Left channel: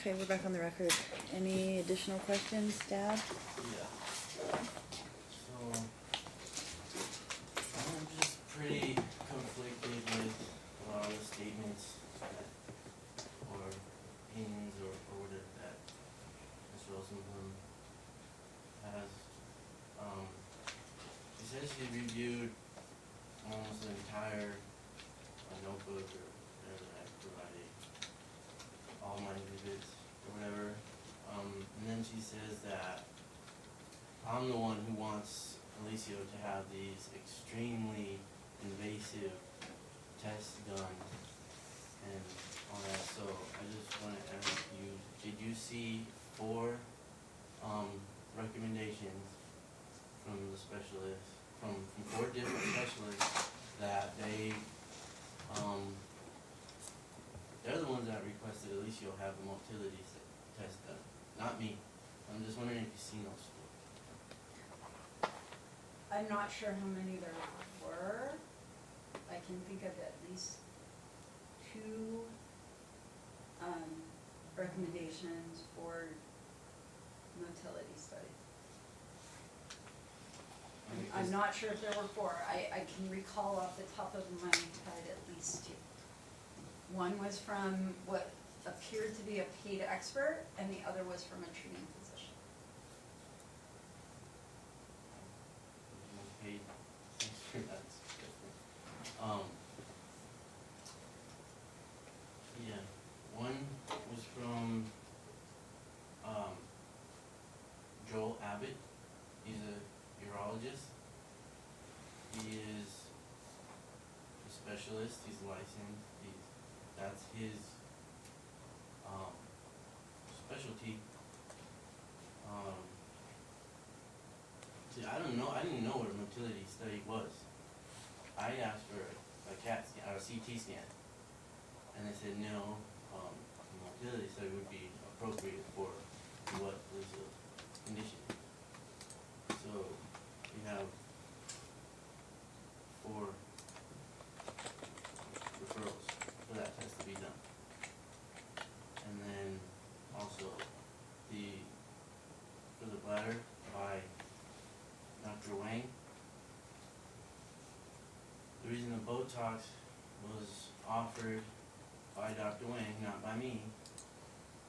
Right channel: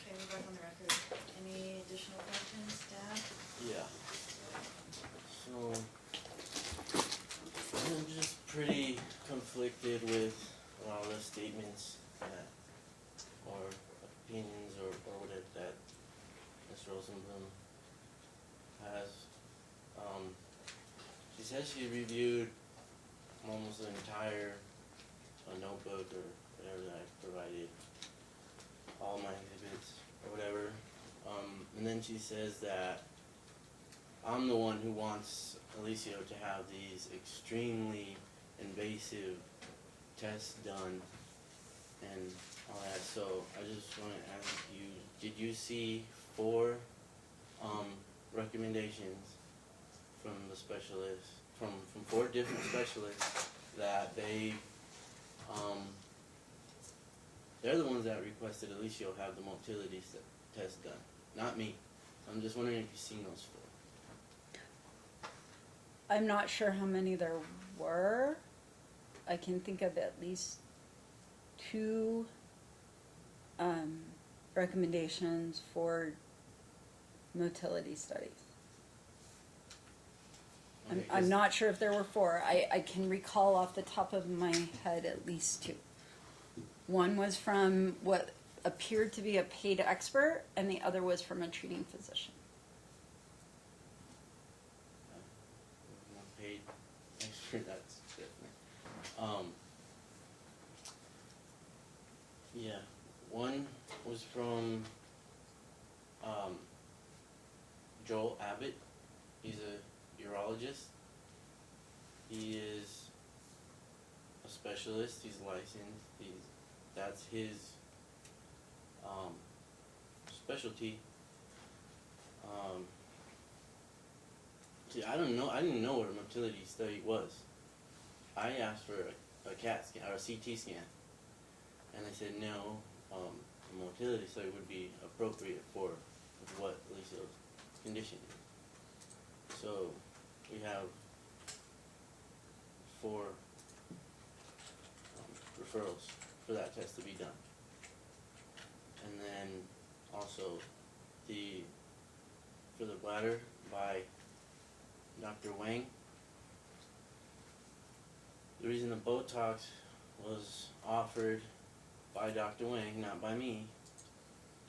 Okay, we're back on the record. Any additional questions, Dad? Yeah. So, I'm just pretty conflicted with a lot of the statements that, or opinions, or whatever that Ms. Rosenblum has. She says she reviewed almost the entire notebook or whatever that I provided, all my exhibits or whatever. And then she says that I'm the one who wants Alicio to have these extremely invasive tests done and all that. So I just want to ask you, did you see 4 recommendations from the specialists, from 4 different specialists that they're the ones that requested Alicio have the motility test done, not me. I'm just wondering if you've seen those 4. I'm not sure how many there were. I can think of at least 2 recommendations for motility studies. I'm not sure if there were 4. I can recall off the top of my head at least 2. One was from what appeared to be a paid expert, and the other was from a treating physician. Paid expert, that's different. Yeah, one was from Joel Abbott. He's a urologist. He is a specialist. He's licensed. That's his specialty. See, I didn't know what a motility study was. I asked for a CAT scan or a CT scan, and they said no. A motility study would be appropriate for what Alicia's condition is. So we have 4 referrals for that test to be done. And then also for the bladder by Dr. Wang. The reason the Botox was offered by Dr. Wang, not by me,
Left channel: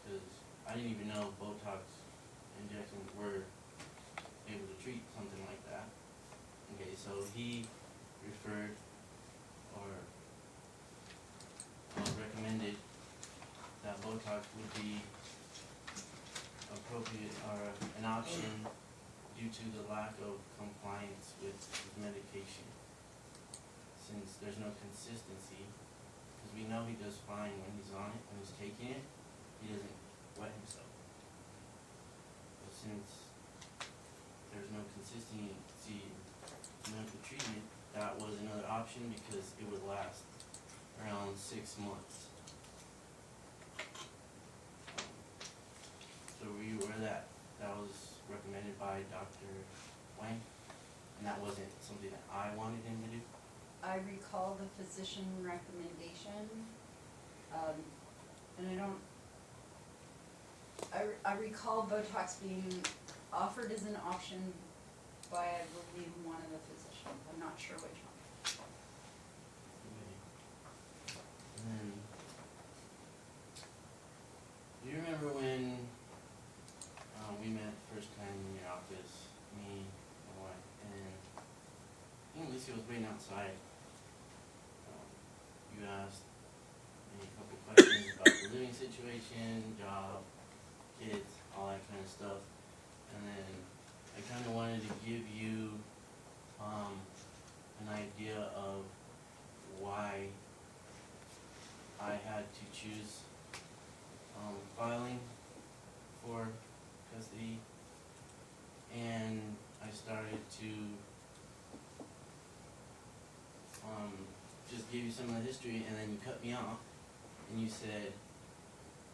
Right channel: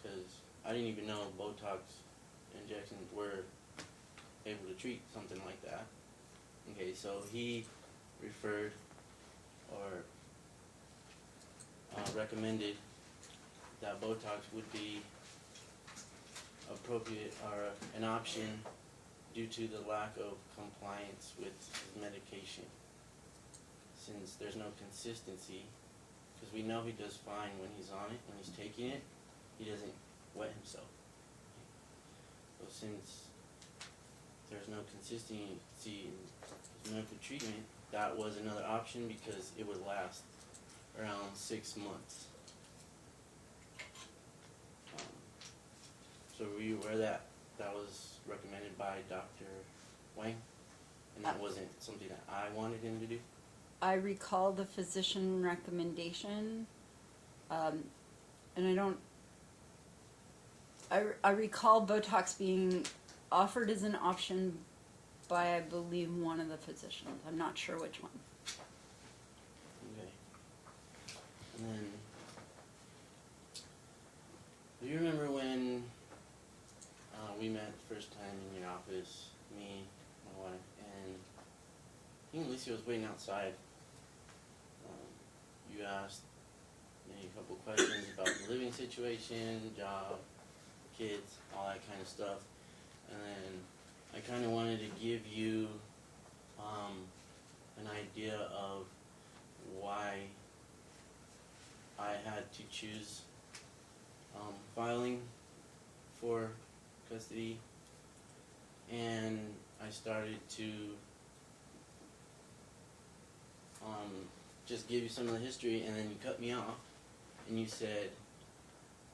because I didn't even know Botox injections were able to treat something like that. Okay, so he referred or recommended that Botox would be appropriate or an option due to the lack of compliance with his medication. Since there's no consistency, because we know he does fine when he's on it, when he's taking it, he doesn't wet himself. But since there's no consistency in the treatment, that was another option because it would last around 6 months. So were you aware that was recommended by Dr. Wang? And that wasn't something that I wanted him to do? I recall the physician recommendation, and I recall Botox being offered as an option by, I believe, one of the physicians. I'm not sure which one. Okay. And then, do you remember when we met the first time in your office, me, my wife, and I think Alicia was waiting outside. You asked me a couple questions about the living situation, job, kids, all that kind of stuff. And then I kind of wanted to give you an idea of why I had to choose filing for custody, and I started to just give you some of the history, and then you cut me off and you said,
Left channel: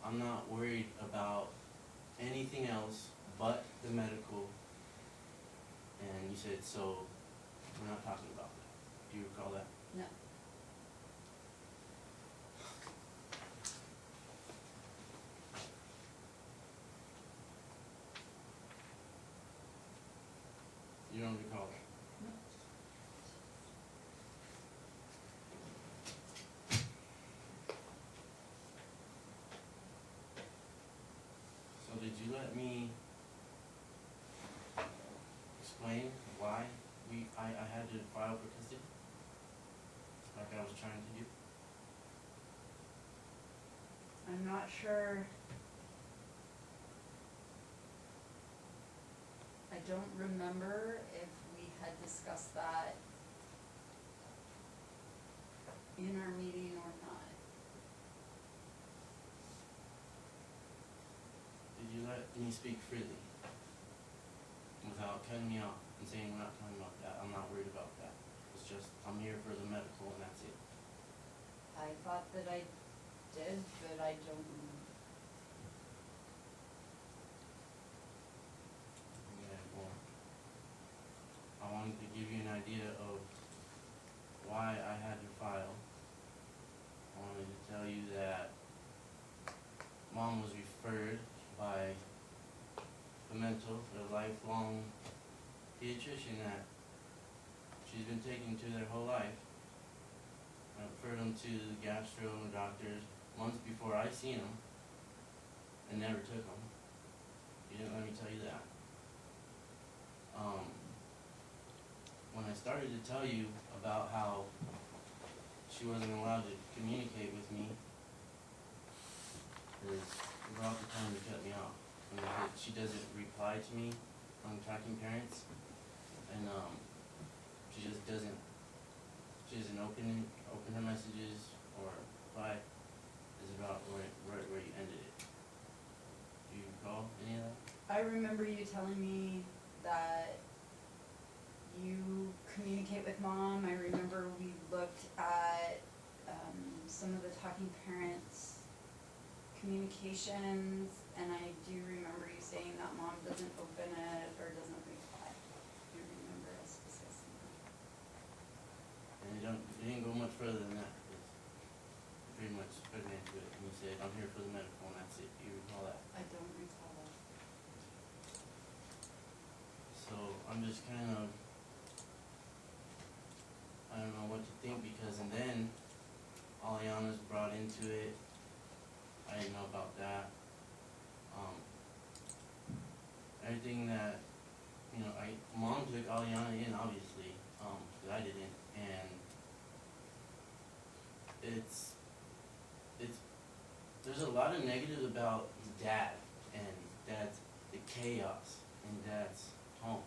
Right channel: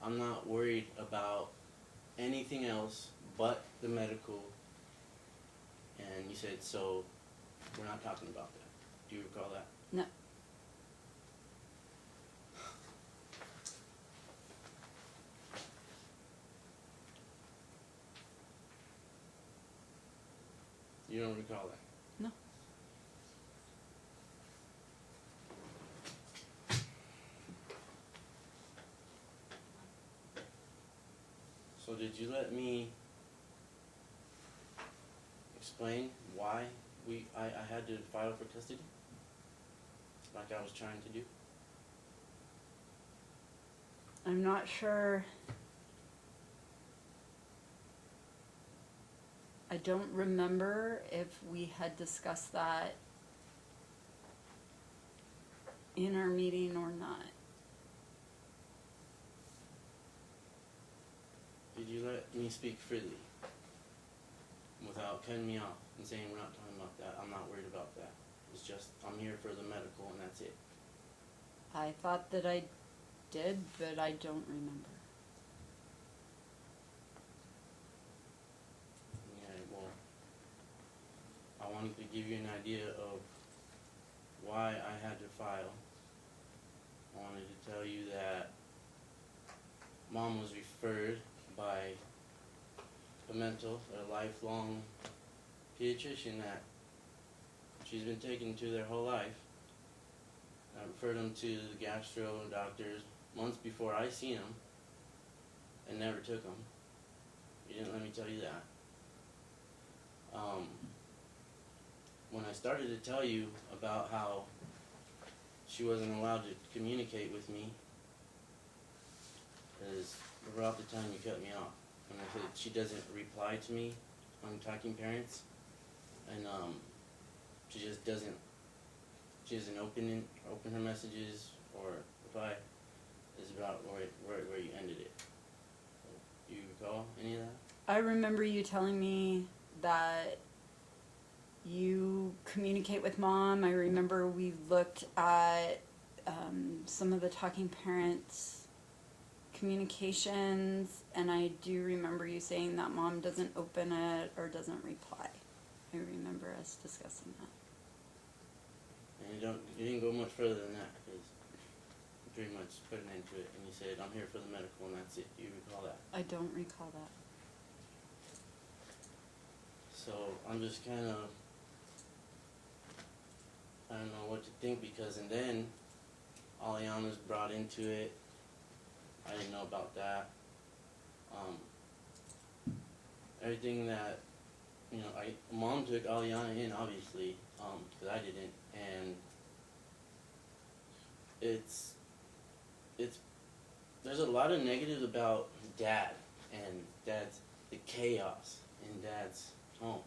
I'm not worried about anything else but the medical, and you said, so we're not talking about that. Do you recall that? No. did you let me explain why I had to file for custody? Like I was trying to do? I'm not sure. I don't remember if we had discussed that in our meeting or not. Did you let me speak freely? Without cutting me off and saying we're not talking about that, I'm not worried about that. It's just, I'm here for the medical and that's it. I thought that I did, but I don't remember. Yeah, well, I wanted to give you an idea of why I had to file. I wanted to tell you that Mom was referred by Parental, a lifelong pediatrician that she's been taking to their whole life. I referred them to the gastro and doctors months before I seen them and never took them. You didn't let me tell you that. When I started to tell you about how she wasn't allowed to communicate with me, is about the time you cut me off. When I said she doesn't reply to me on Talking Parents, and she just doesn't. She doesn't open her messages or reply. Is about where you ended it. Do you recall any of that? I remember you telling me that you communicate with Mom. I remember we looked at some of the Talking Parents communications, and I do remember you saying that Mom doesn't open it or doesn't reply. I remember us discussing that. And you didn't go much further than that, because you pretty much put an end to it, and you said, I'm here for the medical, and that's it. Do you recall that? I don't recall that. So I'm just kind of, I don't know what to think, because and then Aliana's brought into it. I didn't know about that. Everything that, Mom took Aliana in, obviously, but I didn't, and there's a lot of negatives about Dad and Dad's, the chaos in Dad's home.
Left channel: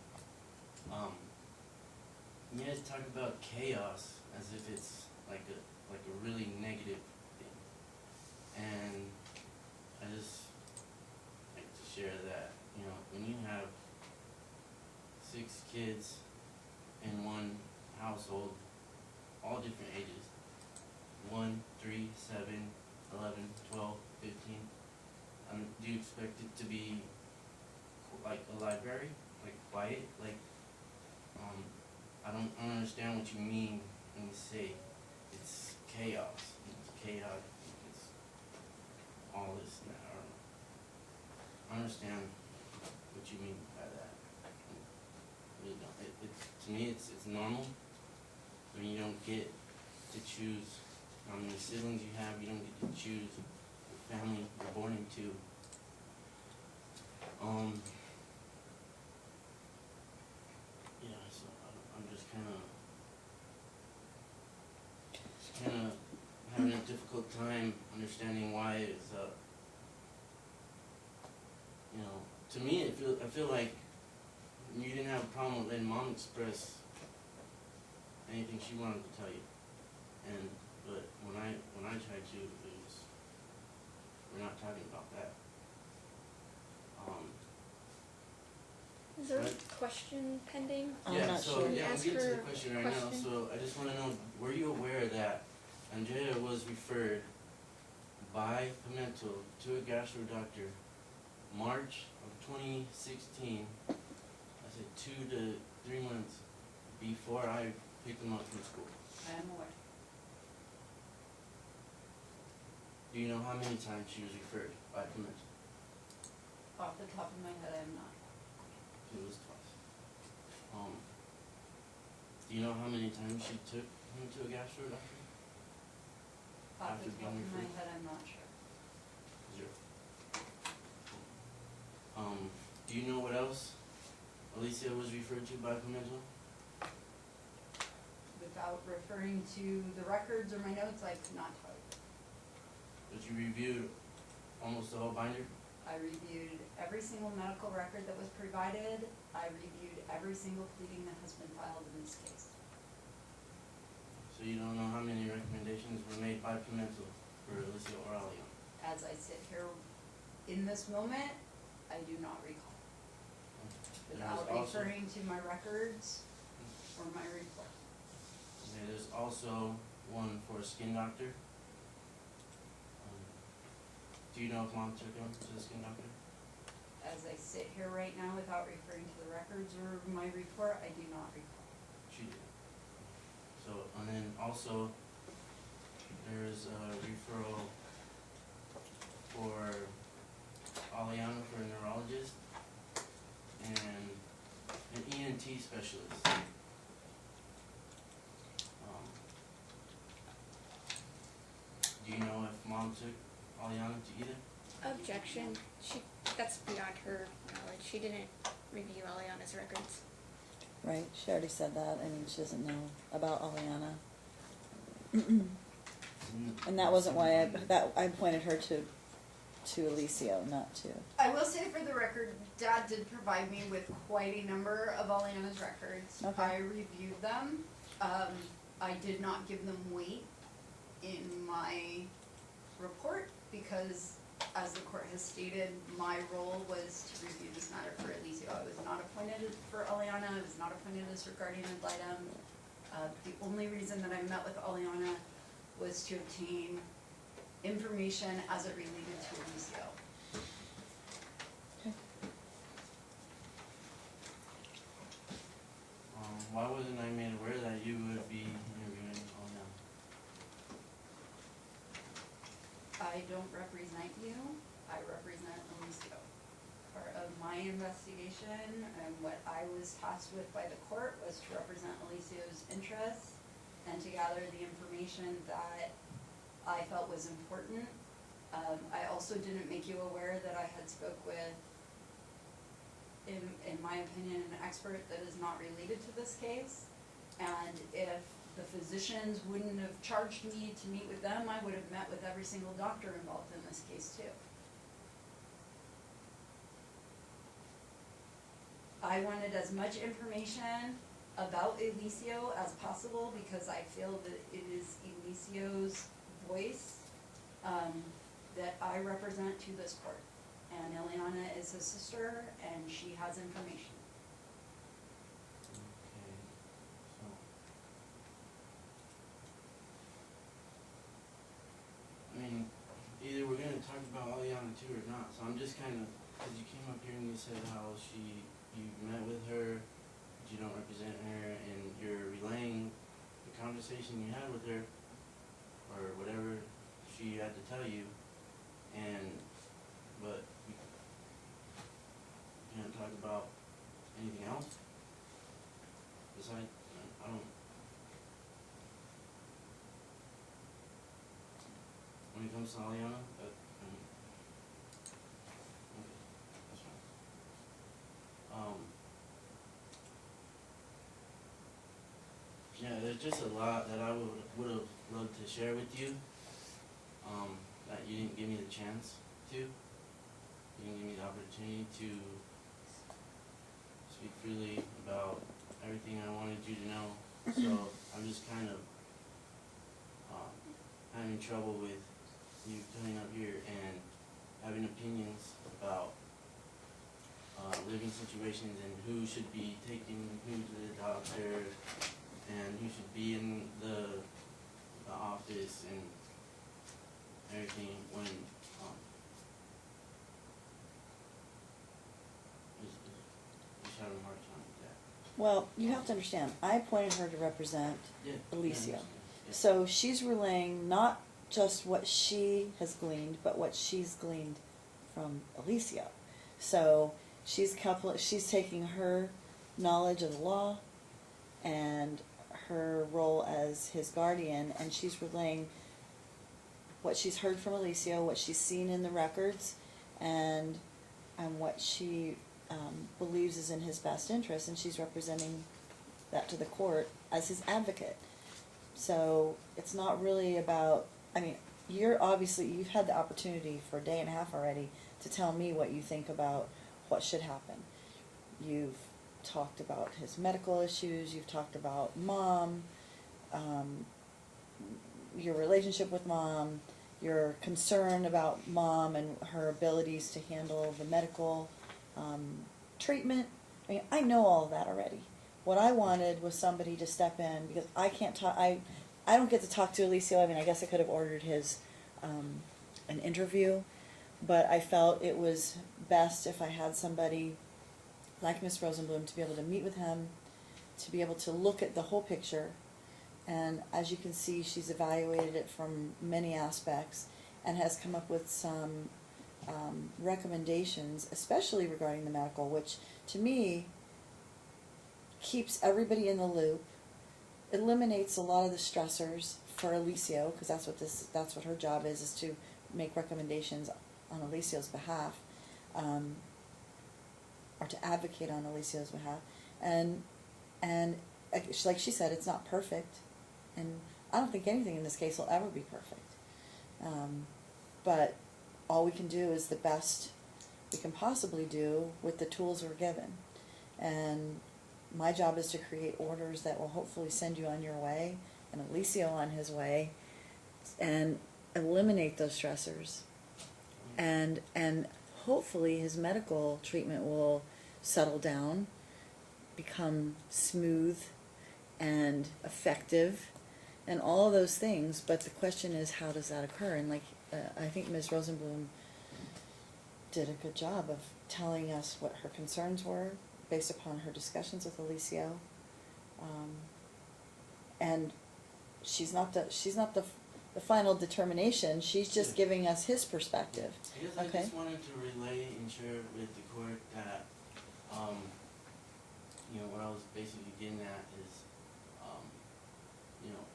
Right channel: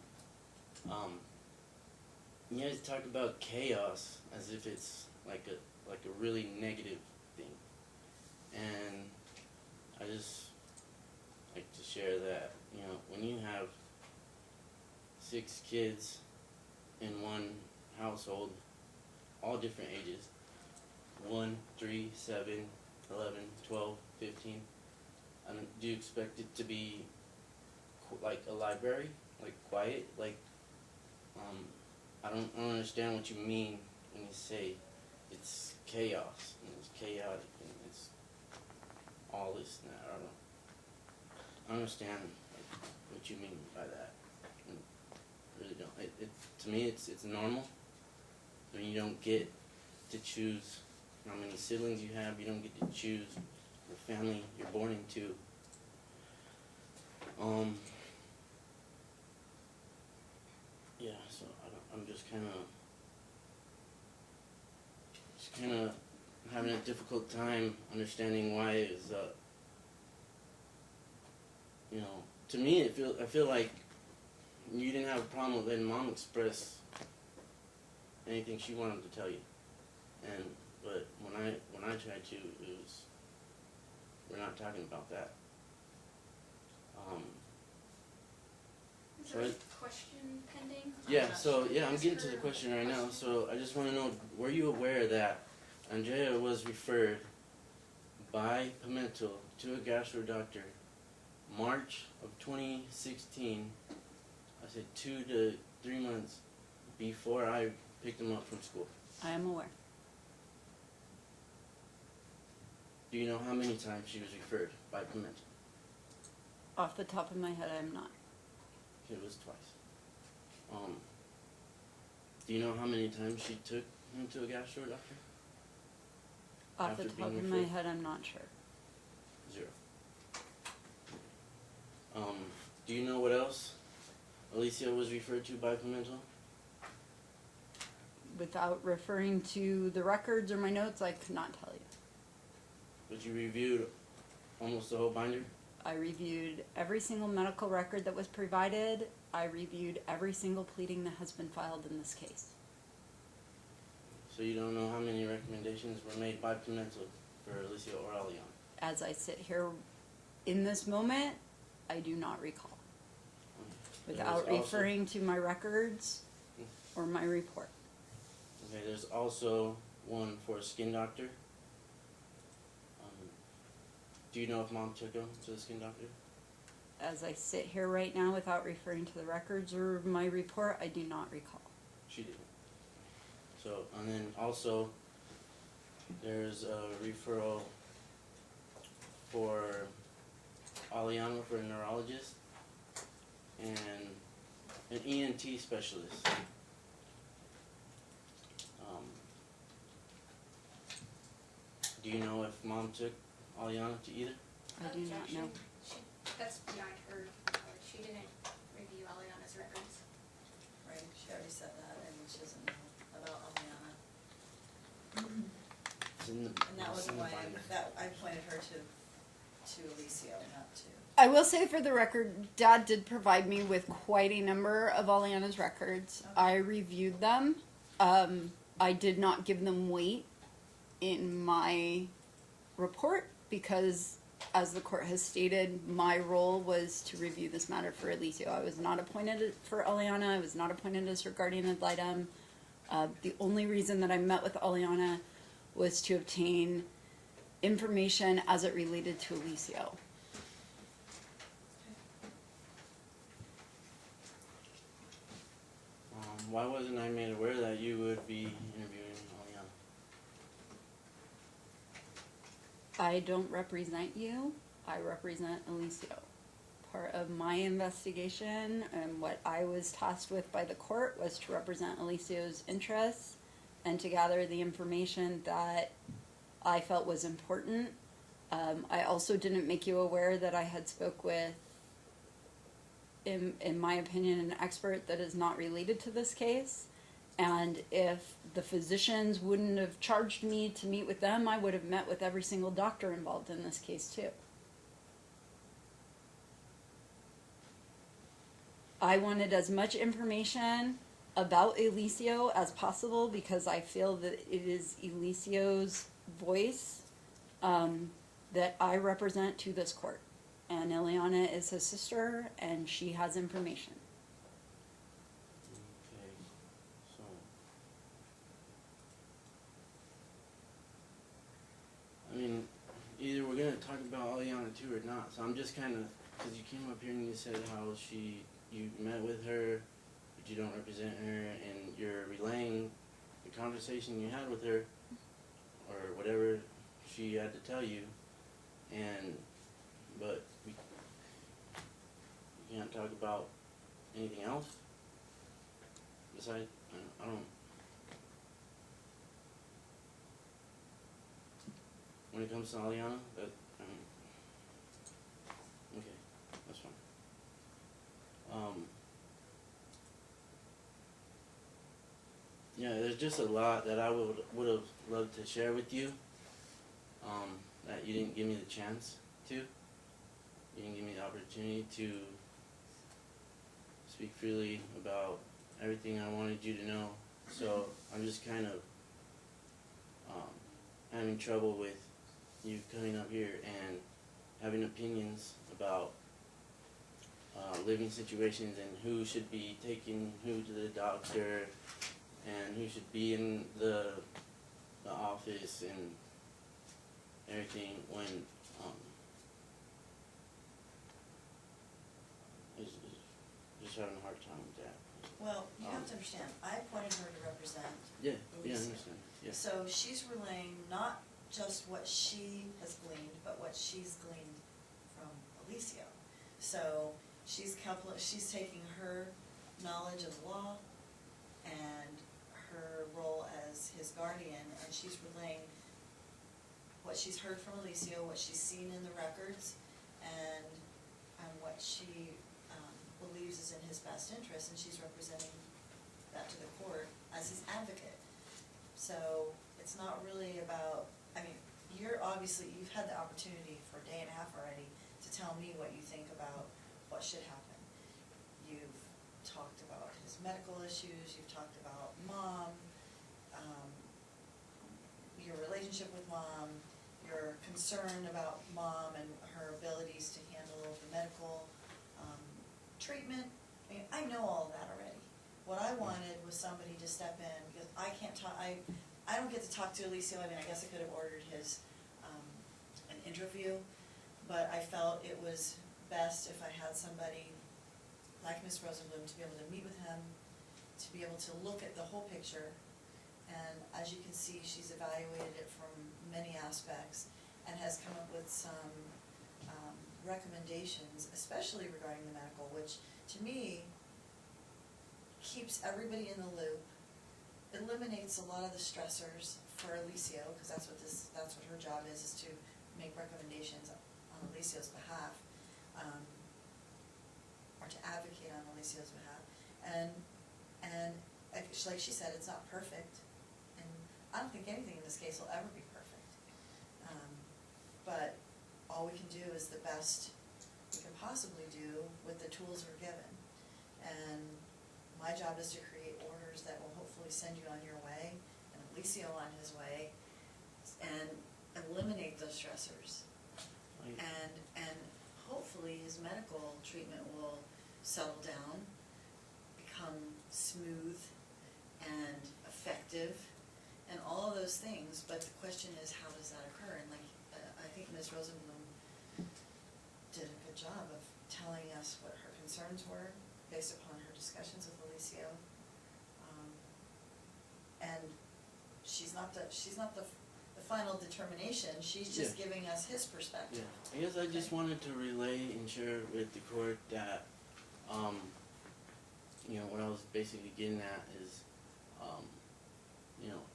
You guys talk about chaos as if it's like a really negative thing, and I just like to share that, when you have 6 kids in one household, all different ages, 1, 3, 7, 11, 12, 15, do you expect it to be like a library, like quiet, like, I don't understand what you mean when you say it's chaos, and it's chaotic, and it's all this and that. I understand what you mean by that. I really don't. To me, it's normal. When you don't get to choose how many siblings you have, you don't get to choose the family you're born into. Yeah, so I'm just kind of having a difficult time understanding why it's to me I feel like you didn't have a problem with letting Mom express anything she wanted to tell you, but when I tried to, we're not talking about that. Is there a question pending? Yeah, not so sure. yeah, I'm Ask getting to her the question right now. question. So I just want to know, were you aware that Andrea was referred by Parental to a gastro doctor March of 2016? I said 2 to 3 months before I picked them up from school. I am aware. Do you know how many times she was referred by Parental? Off the top of my head, I'm not. It was twice. Do you know how many times she took him to a gastro doctor? Off After the top being of my referred? head, I'm not sure. 0. Alicia was referred to by Parental? Without referring to the records or my notes, I could not tell you. But you reviewed almost the whole binder? I reviewed every single medical record that was provided. I reviewed every single pleading that has been filed in this case. So you don't know how many recommendations were made by Parental for Alicia or Aliana? As I sit here in this moment, I do not recall. Without There's also- referring to my records or my report. Okay, there's also one for a skin doctor. Do you know if Mom took him to the skin doctor? As I sit here right now, without referring to the records or my report, I do not recall. She did. So, and then also, there's a referral for Aliana for a neurologist and an ENT specialist. Do you know if Mom took Aliana to either? I do not Objection. know. That's beyond her knowledge. She didn't review Aliana's records. Right, she already said that, and she doesn't know about Aliana. And that wasn't why I pointed her to Alicia, not to. I will say for the record, Dad did provide me with quite a number of Aliana's records. Okay. I reviewed them. I did not give them weight in my report because, as the court has stated, my role was to review this matter for Alicia. I was not appointed for Aliana. I was not appointed as her guardian ad litem. The only reason that I met with Aliana was to obtain information as it related to Alicia. Why wasn't I made aware that you would be interviewing Aliana? I don't represent you, I represent Alicia. Part of my investigation and what I was tasked with by the court was to represent Alicia's interests and to gather the information that I felt was important. I also didn't make you aware that I had spoke with, in my opinion, an expert that is not related to this case. And if the physicians wouldn't have charged me to meet with them, I would have met with every single doctor involved in this case too. I wanted as much information about Alicia as possible because I feel that it is Alicia's voice that I represent to this court. And Ileana is his sister, and she has information. Okay, so. I mean, either we're gonna talk about Aliana too or not, so I'm just kinda, cause you came up here and you said how you met with her, but you don't represent her, and you're relaying the conversation you had with her, or whatever she had to tell you, but we can't talk about anything else besides, I don't. When it comes to Aliana, okay, that's fine. Yeah, there's just a lot that I would have loved to share with you, that you didn't give me the chance to. You didn't give me the opportunity to speak freely about everything I wanted you to know. So I'm just kind of having trouble with you coming up here and having opinions about living situations and who should be taking who to the doctor and who should be in the office and everything when just having a hard time with that. Well, you have to understand, I appointed her to represent Yeah. Alicia. Yeah. So she's relaying not just what she has gleaned, but what she's gleaned from Alicia. So she's taking her knowledge of the law and her role as his guardian, and she's relaying what she's heard from Alicia, what she's seen in the records, and what she believes is in his best interest, and she's representing that to the court as his advocate. So it's not really about, I mean, you've had the opportunity for a day and a half already to tell me what you think about what should happen. You've talked about his medical issues, you've talked about mom, your relationship with mom, your concern about mom and her abilities to handle the medical treatment. I mean, I know all of that already. What I wanted was somebody to step in, because I can't talk, I don't get to talk to Alicio. I mean, I guess I could have ordered his, an interview, but I felt it was best if I had somebody like Ms. Rosenblum to be able to meet with him, to be able to look at the whole picture. And as you can see, she's evaluated it from many aspects and has come up with some recommendations, especially regarding the medical, which to me keeps everybody in the loop, eliminates a lot of the stressors for Alicio, because that's what her job is to make recommendations on Alicio's behalf, or to advocate on Alicio's behalf. And like she said, it's not perfect, and I don't think anything in this case will ever be perfect. But all we can do is the best we can possibly do with the tools we're given. And my job is to create orders that will hopefully send you on your way, and Alicio on his way, and eliminate those stressors. And hopefully his medical treatment will settle down, become smooth and effective, and all of those things. But the question is, how does that occur? And like I think Ms. Rosenblum did a good job of telling us what her concerns were based upon her discussions with Alicio. And she's not the final determination. She's just giving us his perspective. I guess I just wanted to relay and share with the court that, you know, what I was basically getting at is, you know,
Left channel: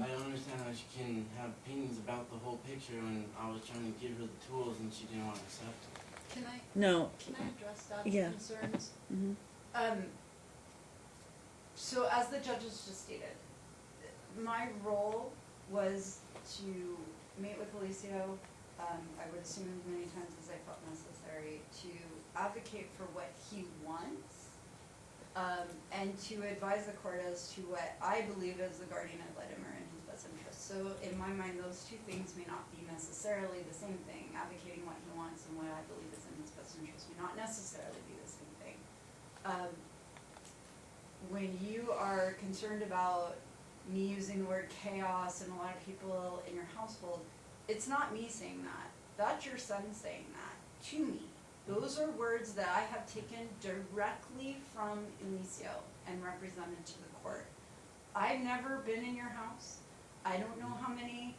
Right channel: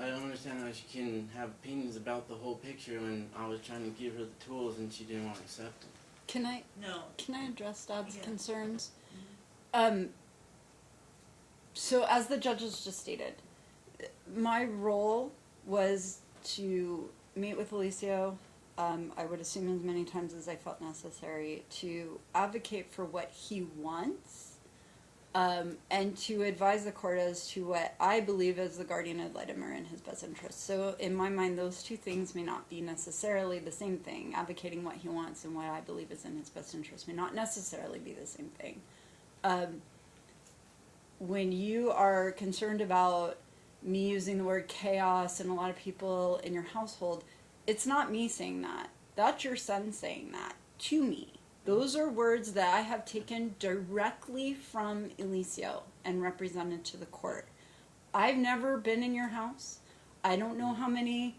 I don't understand how she can have opinions about the whole picture when I was trying to give her the tools and she didn't want to accept them. Can I address Dad's concerns? Mm-hmm. So as the judges just stated, my role was to meet with Alicio, I would assume as many times as I felt necessary, to advocate for what he wants, and to advise the court as to what I believe as the guardian ad litem are in his best interest. So in my mind, those two things may not be necessarily the same thing. Advocating what he wants and what I believe is in his best interest may not necessarily be the same thing. When you are concerned about me using the word chaos and a lot of people in your household, it's not me saying that. That's your son saying that to me. Those are words that I have taken directly from Alicio and represented to the court. I've never been in your house. I don't know how many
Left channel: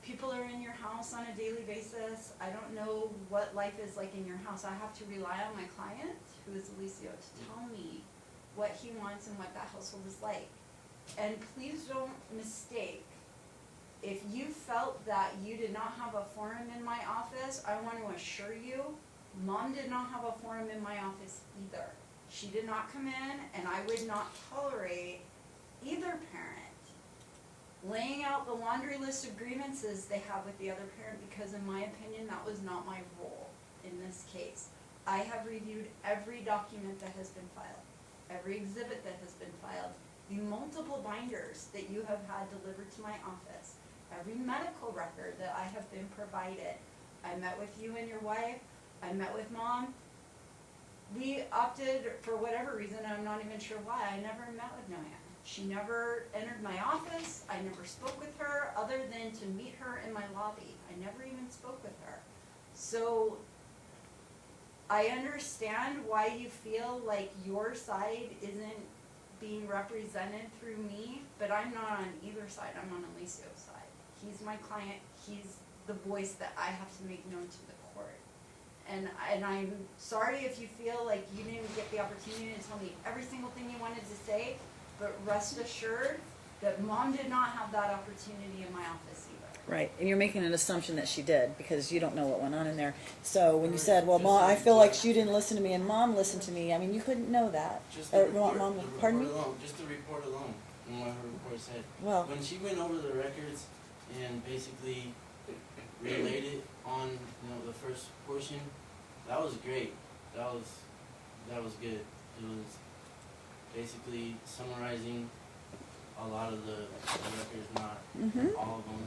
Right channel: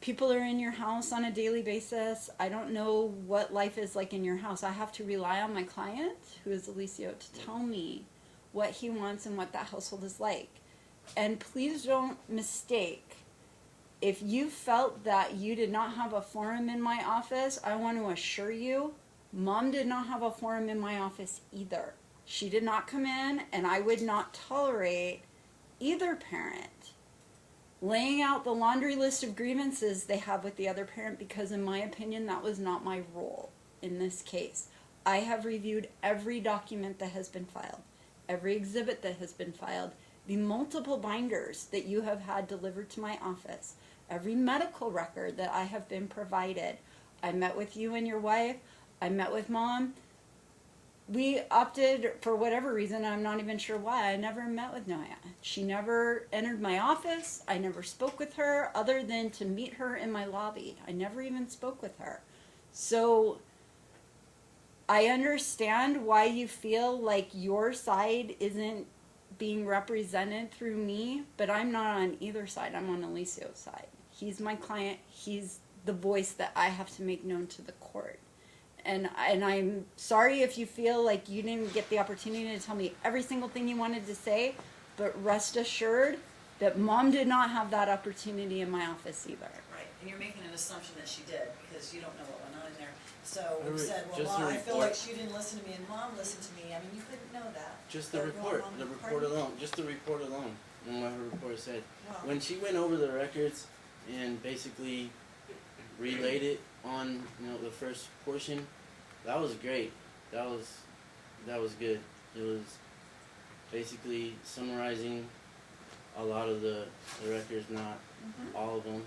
people are in your house on a daily basis. I don't know what life is like in your house. I have to rely on my client, who is Alicio, to tell me what he wants and what that household is like. And please don't mistake, if you felt that you did not have a forum in my office, I want to assure you, Mom did not have a forum in my office either. She did not come in, and I would not tolerate either parent laying out the laundry list of grievances they have with the other parent, because in my opinion, that was not my role in this case. I have reviewed every document that has been filed, every exhibit that has been filed, the multiple binders that you have had delivered to my office, every medical record that I have been provided. I met with you and your wife. I met with Mom. We opted, for whatever reason, I'm not even sure why, I never met with Noya. She never entered my office. I never spoke with her other than to meet her in my lobby. I never even spoke with her. So I understand why you feel like your side isn't being represented through me, but I'm not on either side. I'm on Alicio's side. He's my client. He's the voice that I have to make known to the court. And I'm sorry if you feel like you didn't get the opportunity to tell me every single thing you wanted to say, but rest assured, that mom did not have that opportunity in my office either. Right, and you're making an assumption that she did, because you don't know what went on in there. So when you Right, said, well, just Mom, the I feel like report. she didn't listen to me and Mom listened to me, I mean, you couldn't know that. Just the Or, report, Mom, the pardon report me? alone, just the report alone, and what her report said. Well, When she went over the records and basically relayed it on, the first portion, that was great. That was good. It was basically summarizing a lot of the records, not mhm. all of them.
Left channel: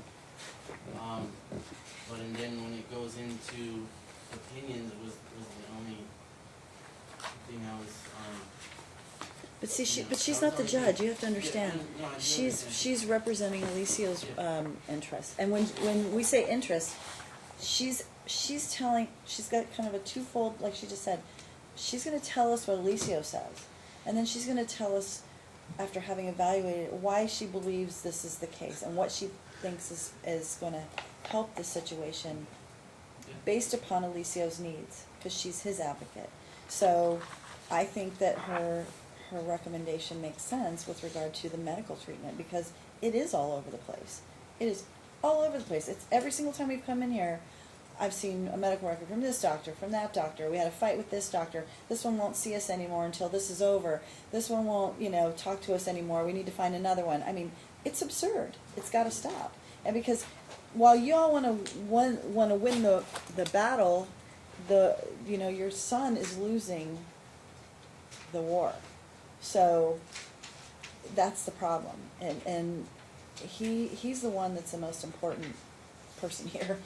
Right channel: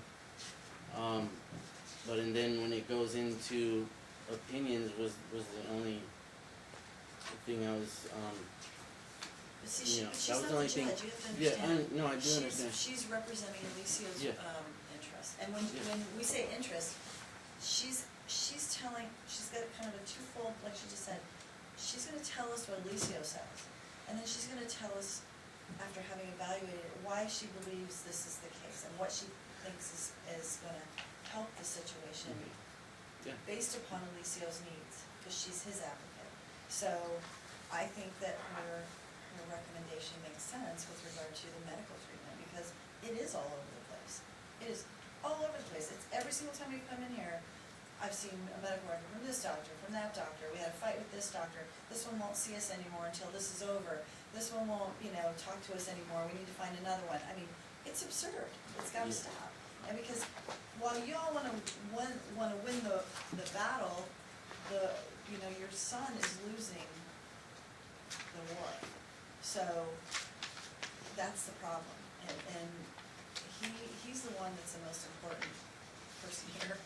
But and then when it goes into opinions was the only thing I was But see, you know, but she's that not the was the only judge, thing. you have to understand. Yeah, I do She's, understand. she's representing Alicia's, Yeah. interest, and when we say interest, she's telling, she's got kind of a twofold, like she just said, she's gonna tell us what Alicia says, and then she's gonna tell us, after having evaluated it, why she believes this is the case, and what she thinks is gonna help the situation Yeah. based upon Alicia's needs, because she's his advocate. So, I think that her recommendation makes sense with regard to the medical treatment, because it is all over the place. It is all over the place. It's every single time we've come in here, I've seen a medical record from this doctor, from that doctor. We had a fight with this doctor. This one won't see us anymore until this is over. This one won't, talk to us anymore. We need to find another one. I mean, it's absurd. It's got to stop. And because while y'all want to win the battle, your son is losing the war. So that's the problem. And he's the one that's the most important person here.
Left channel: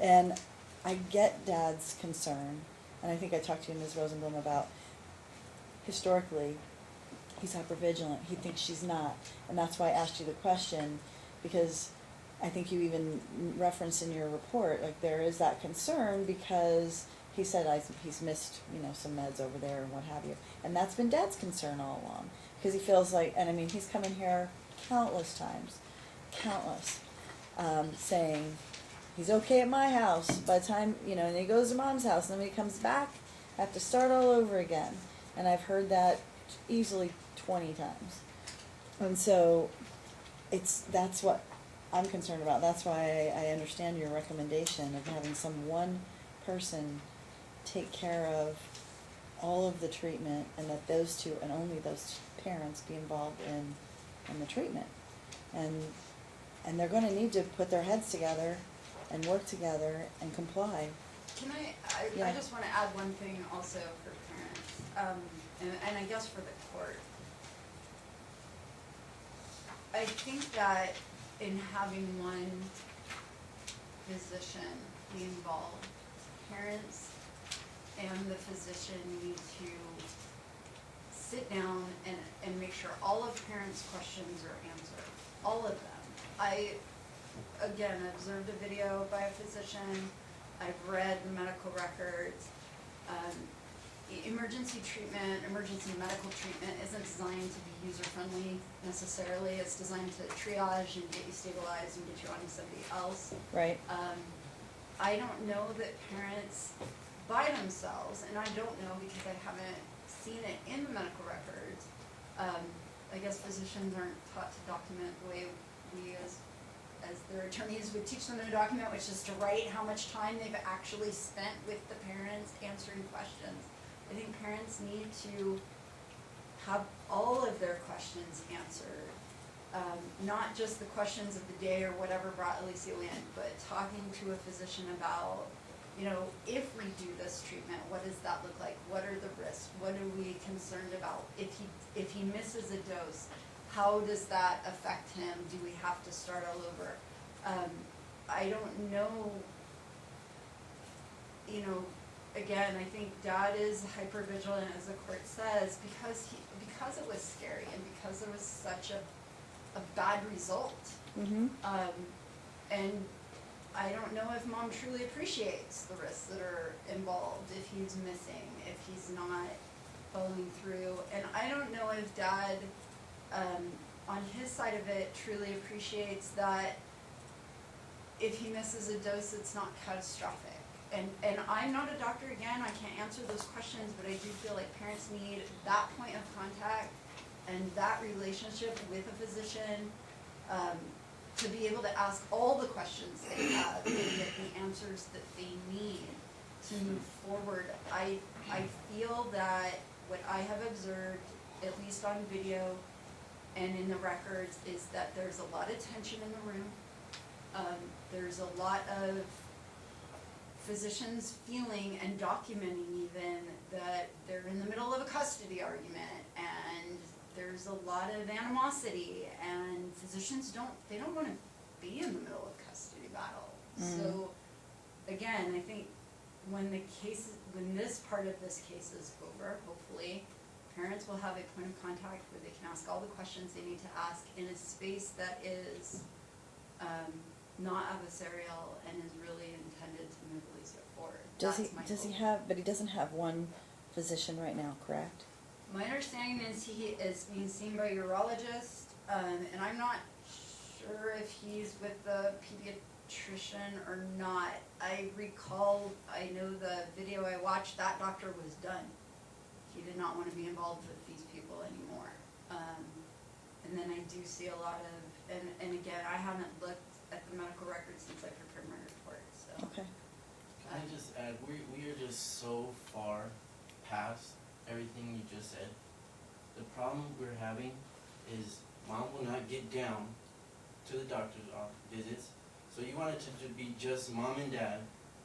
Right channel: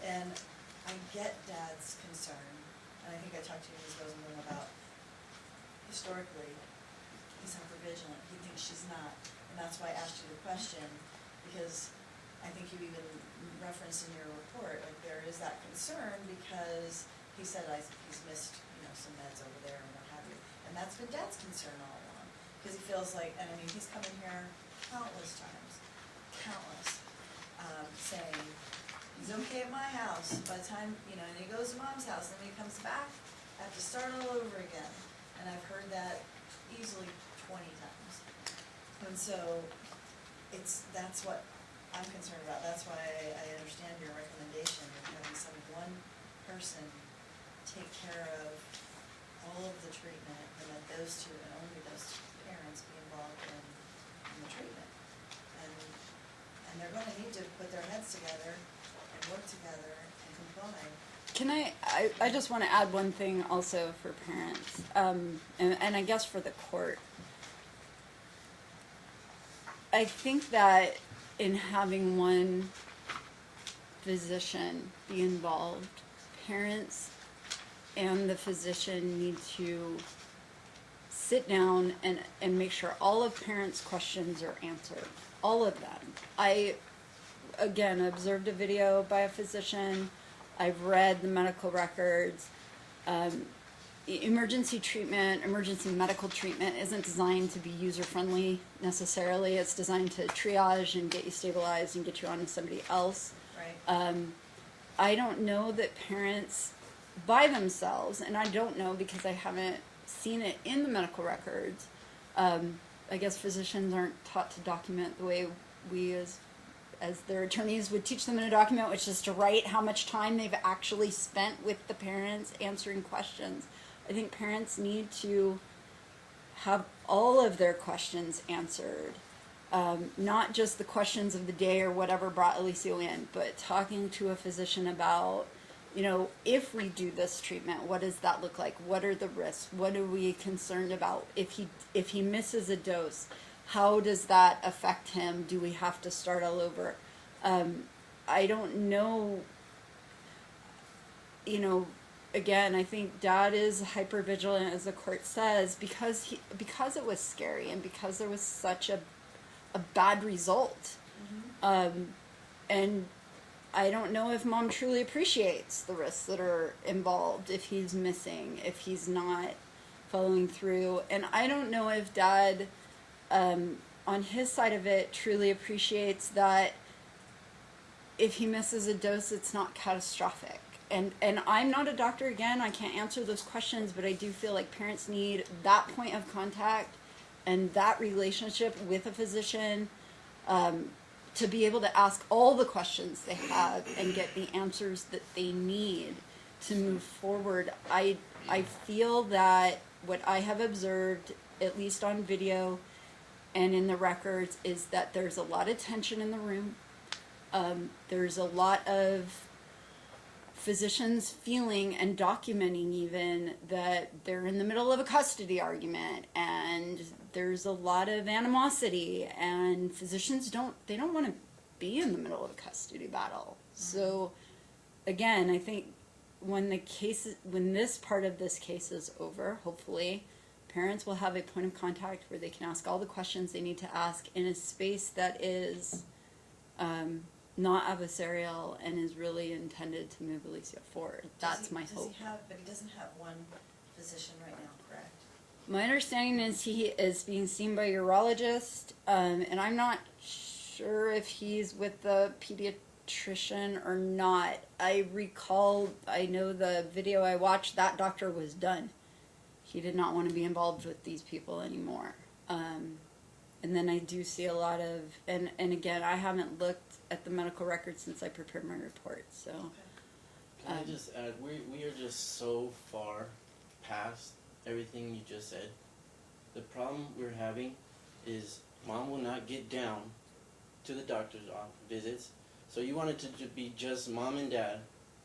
And I get Dad's concern, and I think I talked to you, Ms. Rosenblum, about historically he's hypervigilant. He thinks she's not, and that's why I asked you the question, because I think you even referenced in your report, like, there is that concern because he said he's missed, some meds over there and what have you. And that's been Dad's concern all along, because he feels like, and I mean, he's come in here countless times, saying he's okay at my house. By the time, and he goes to Mom's house, and then when he comes back, I have to start all over again. And I've heard that easily 20 times. And so that's what I'm concerned about. That's why I understand your recommendation of having one person take care of all of the treatment, and that those two, and only those parents, be involved in the treatment. And they're gonna need to put their heads together and work together and comply. Can I Yeah. just want to add one thing also for parents, and I guess for the court. I think that in having one physician be involved, parents and the physician need to sit down and make sure all of parents' questions are answered, all of them. I, again, observed a video by a physician, I've read the medical records. Emergency medical treatment isn't designed to be user-friendly necessarily. It's designed to triage and get you stabilized and get you on to somebody else. Right. I don't know that parents by themselves, and I don't know because I haven't seen it in the medical records. I guess physicians aren't taught to document the way we as their attorneys would teach them in a document, which is to write how much time they've actually spent with the parents answering questions. I think parents need to have all of their questions answered, not just the questions of the day or whatever brought Alicia in, but talking to a physician about, if we do this treatment, what does that look like? What are the risks? What are we concerned about? If he misses a dose, how does that affect him? Do we have to start all over? I don't know, again, I think Dad is hypervigilant, as the court says, because it was scary and because there was such a bad result. Mm-hmm. And I don't know if Mom truly appreciates the risks that are involved if he's missing, if he's not following through. And I don't know if Dad, on his side of it, truly appreciates that if he misses a dose, it's not catastrophic. And I'm not a doctor, again, I can't answer those questions, but I do feel like parents need that point of contact and that relationship with a physician to be able to ask all the questions they have and get the answers that they need to move forward. I feel that what I have observed, at least on video and in the records, is that there's a lot of tension in the room. There's a lot of physicians feeling and documenting even that they're in the middle of a custody argument, and there's a lot of animosity, and physicians don't want to be in the middle of a custody battle. So again, I think when this part of this case is over, hopefully parents will have a point of contact where they can ask all the questions they need to ask in a space that is not adversarial and is really intended to move Alicia forward. That's my hope. Does he have, but he doesn't have one physician right now, correct? My understanding is he is being seen by a urologist, and I'm not sure if he's with the pediatrician or not. I know the video I watched, that doctor was done. He did not want to be involved with these people anymore. And then I do see a lot of, and again, I haven't looked at the medical records since I prepared my report, so. Okay. Can I just add, we are just so far past everything you just said. The problem we're having is mom will not get down to the doctor's visits. So you want it to be just mom and dad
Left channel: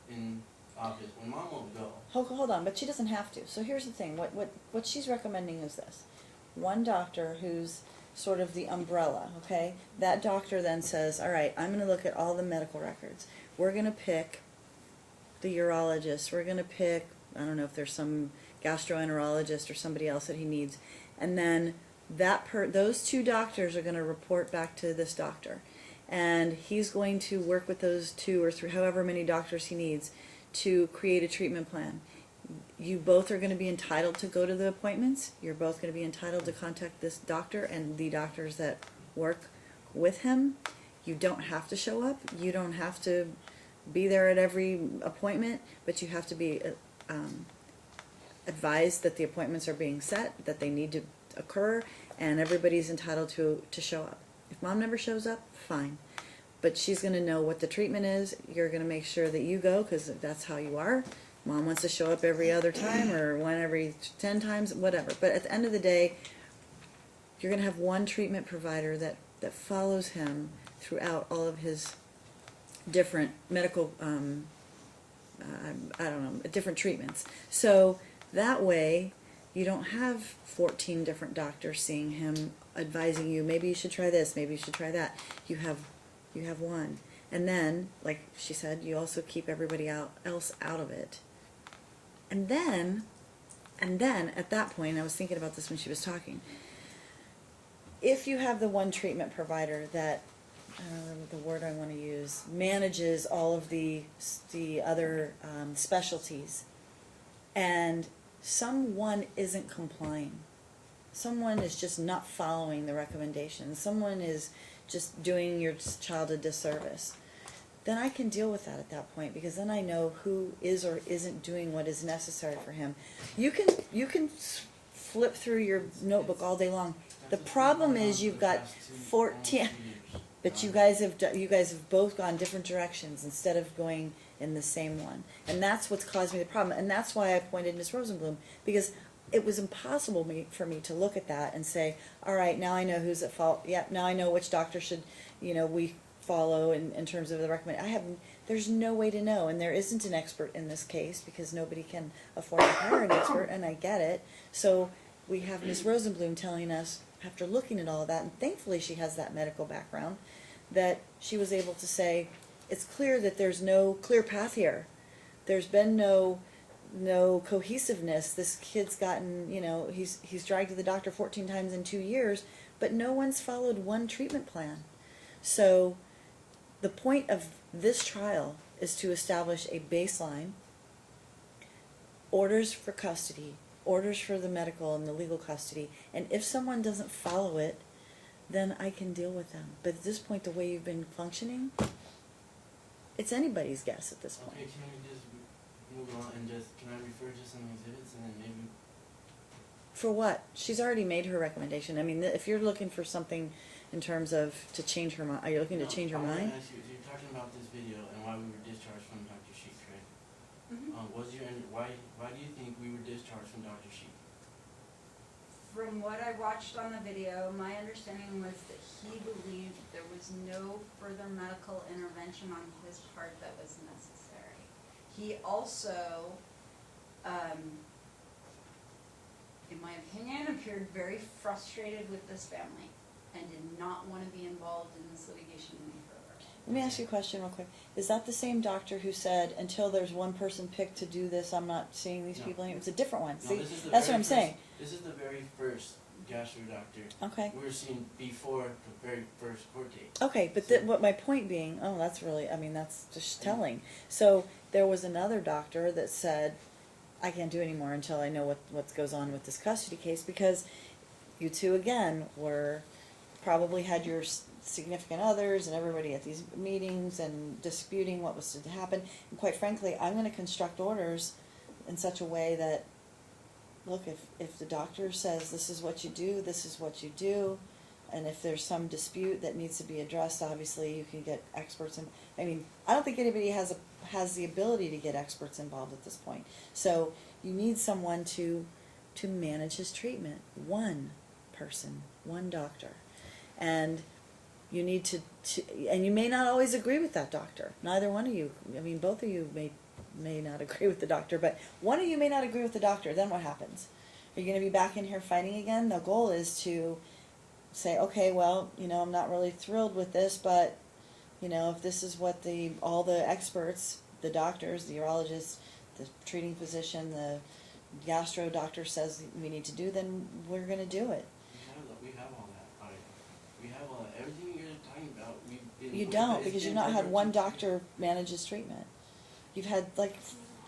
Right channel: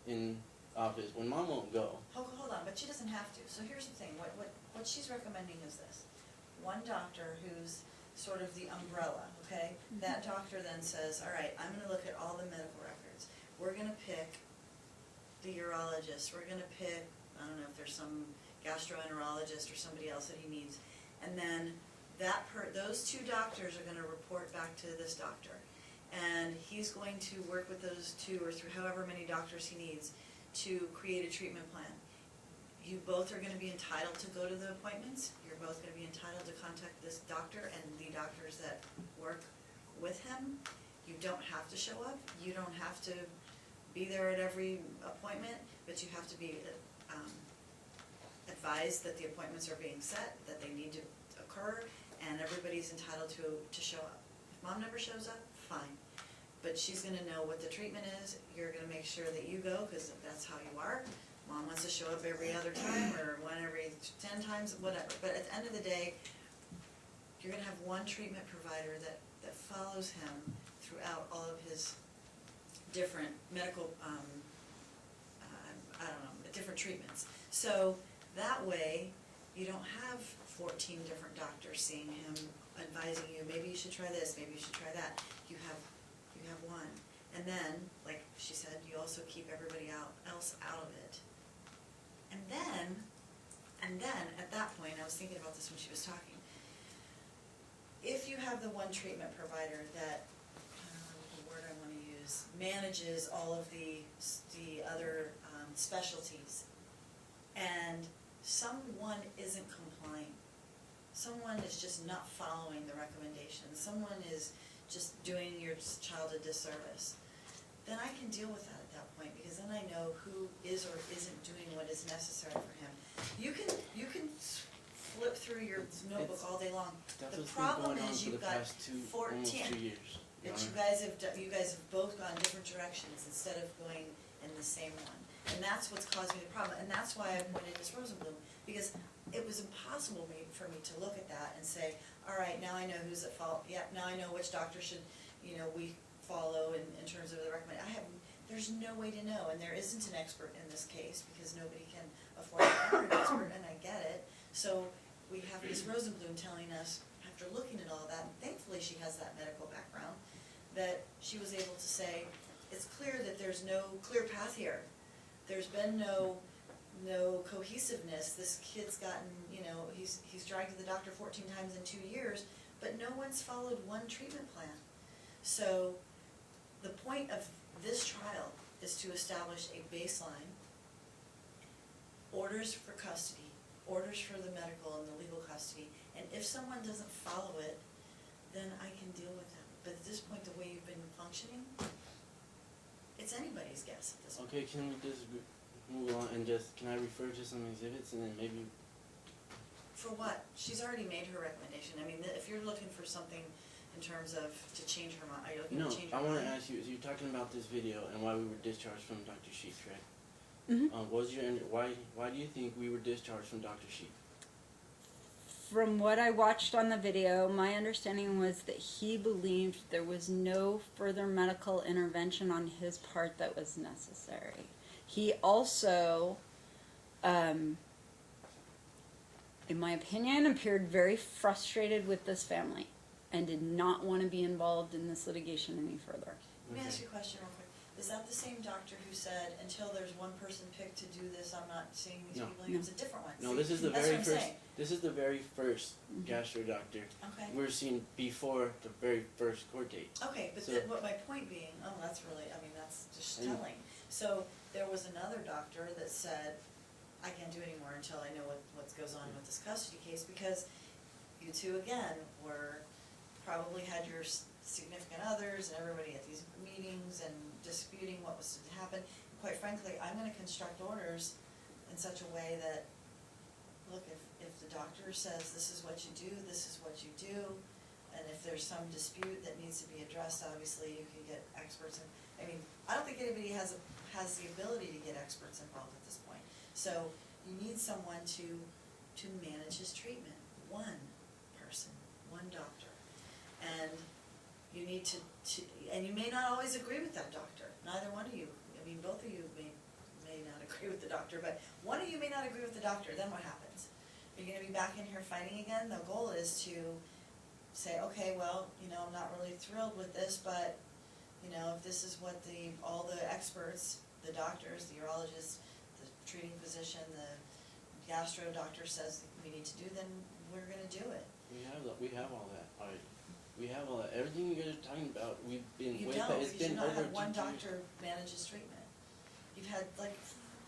in office when mom won't go. Hold on, but she doesn't have to. So here's the thing, what she's recommending is this. One doctor who's sort of the umbrella, okay? That doctor then says, all right, I'm gonna look at all the medical records. We're gonna pick the urologist, we're gonna pick, I don't know if there's some gastroenterologist or somebody else that he needs, and then those two doctors are gonna report back to this doctor. And he's going to work with those two or three, however many doctors he needs, to create a treatment plan. You both are going to be entitled to go to the appointments. You're both going to be entitled to contact this doctor and the doctors that work with him. You don't have to show up. You don't have to be there at every appointment, but you have to be advised that the appointments are being set, that they need to occur, and everybody's entitled to show up. If mom never shows up, fine. But she's going to know what the treatment is. You're going to make sure that you go because that's how you are. Mom wants to show up every other time or one every 10 times, whatever. But at the end of the day, you're going to have one treatment provider that follows him throughout all of his different medical, different treatments. So that way, you don't have 14 different doctors seeing him, advising you, maybe you should try this, maybe you should try that. You have one. And then, like she said, you also keep everybody else out of it. And then, at that point, I was thinking about this when she was talking, if you have the one treatment provider that, the word I want to use, manages all of the other specialties, and someone isn't complying, someone is just not following the recommendations, someone is just doing your child a disservice, then I can deal with that at that point, because then I know who is or isn't doing what is necessary for him. You can flip through your notebook all day long. The problem is you've got 14, but you guys have both gone different directions instead of going in the same one, and that's what's caused me the problem. And that's why I appointed Ms. Rosenblum, because it was impossible for me to look at that and say, all right, now I know who's at fault. Yeah, now I know which doctor should, we follow in terms of the recommendation. There's no way to know, and there isn't an expert in this case because nobody can afford to hire an expert, and I get it. So we have Ms. Rosenblum telling us, after looking at all of that, and thankfully she has that medical background, that she was able to say, it's clear that there's no clear path here. There's been no cohesiveness. This kid's gotten, he's dragged to the doctor 14 times in 2 years, but no one's followed one treatment plan. So the point of this trial is to establish a baseline, orders for custody, orders for the medical and the legal custody, and if someone doesn't follow it, then I can deal with them. But at this point, the way you've been functioning, it's anybody's guess at this point. Okay, can we just move on and can I refer to some exhibits and then maybe... For what? She's already made her recommendation. I mean, if you're looking for something in terms of to change her mind? Are you looking to change her I want mind? to ask you, so you're talking about this video and why we were discharged from Dr. Sheik, right? Mhm. Why do you think we were discharged from Dr. Sheik? From what I watched on the video, my understanding was that he believed there was no further medical intervention on his part that was necessary. He also, in my opinion, appeared very frustrated with this family and did not want to be involved in this litigation any further. Let me ask you a question real quick. Is that the same doctor who said, until there's one person picked to do this, I'm not seeing these No. people anymore? It's a different one. No, See, this is the that's very what I'm first, saying. This is the very first gastro doctor Okay. we were seeing before the very first court date. Okay, but So- what my point being, oh, that's really, I mean, that's just Yeah. telling. So there was another doctor that said, I can't do anymore until I know what goes on with this custody case, because you two, again, probably had your significant others and everybody at these meetings and disputing what was to happen. And quite frankly, I'm gonna construct orders in such a way that, look, if the doctor says this is what you do, this is what you do, and if there's some dispute that needs to be addressed, obviously you can get experts in. I mean, I don't think anybody has the ability to get experts involved at this point. So you need someone to manage his treatment. One person, one doctor. And you need to and you may not always agree with that doctor. Neither one of you. I mean, both of you may not agree with the doctor, but one of you may not agree with the doctor. Then what happens? Are you going to be back in here fighting again? The goal is to say, okay, well, I'm not really thrilled with this, but if this is what all the experts, the doctors, the urologists, the treating physician, the gastro doctor says we need to do, then we're going to do it. We have all that. We have all that. Everything you guys are talking about, we've been. You don't, because you've not had one doctor manage his treatment. You've had like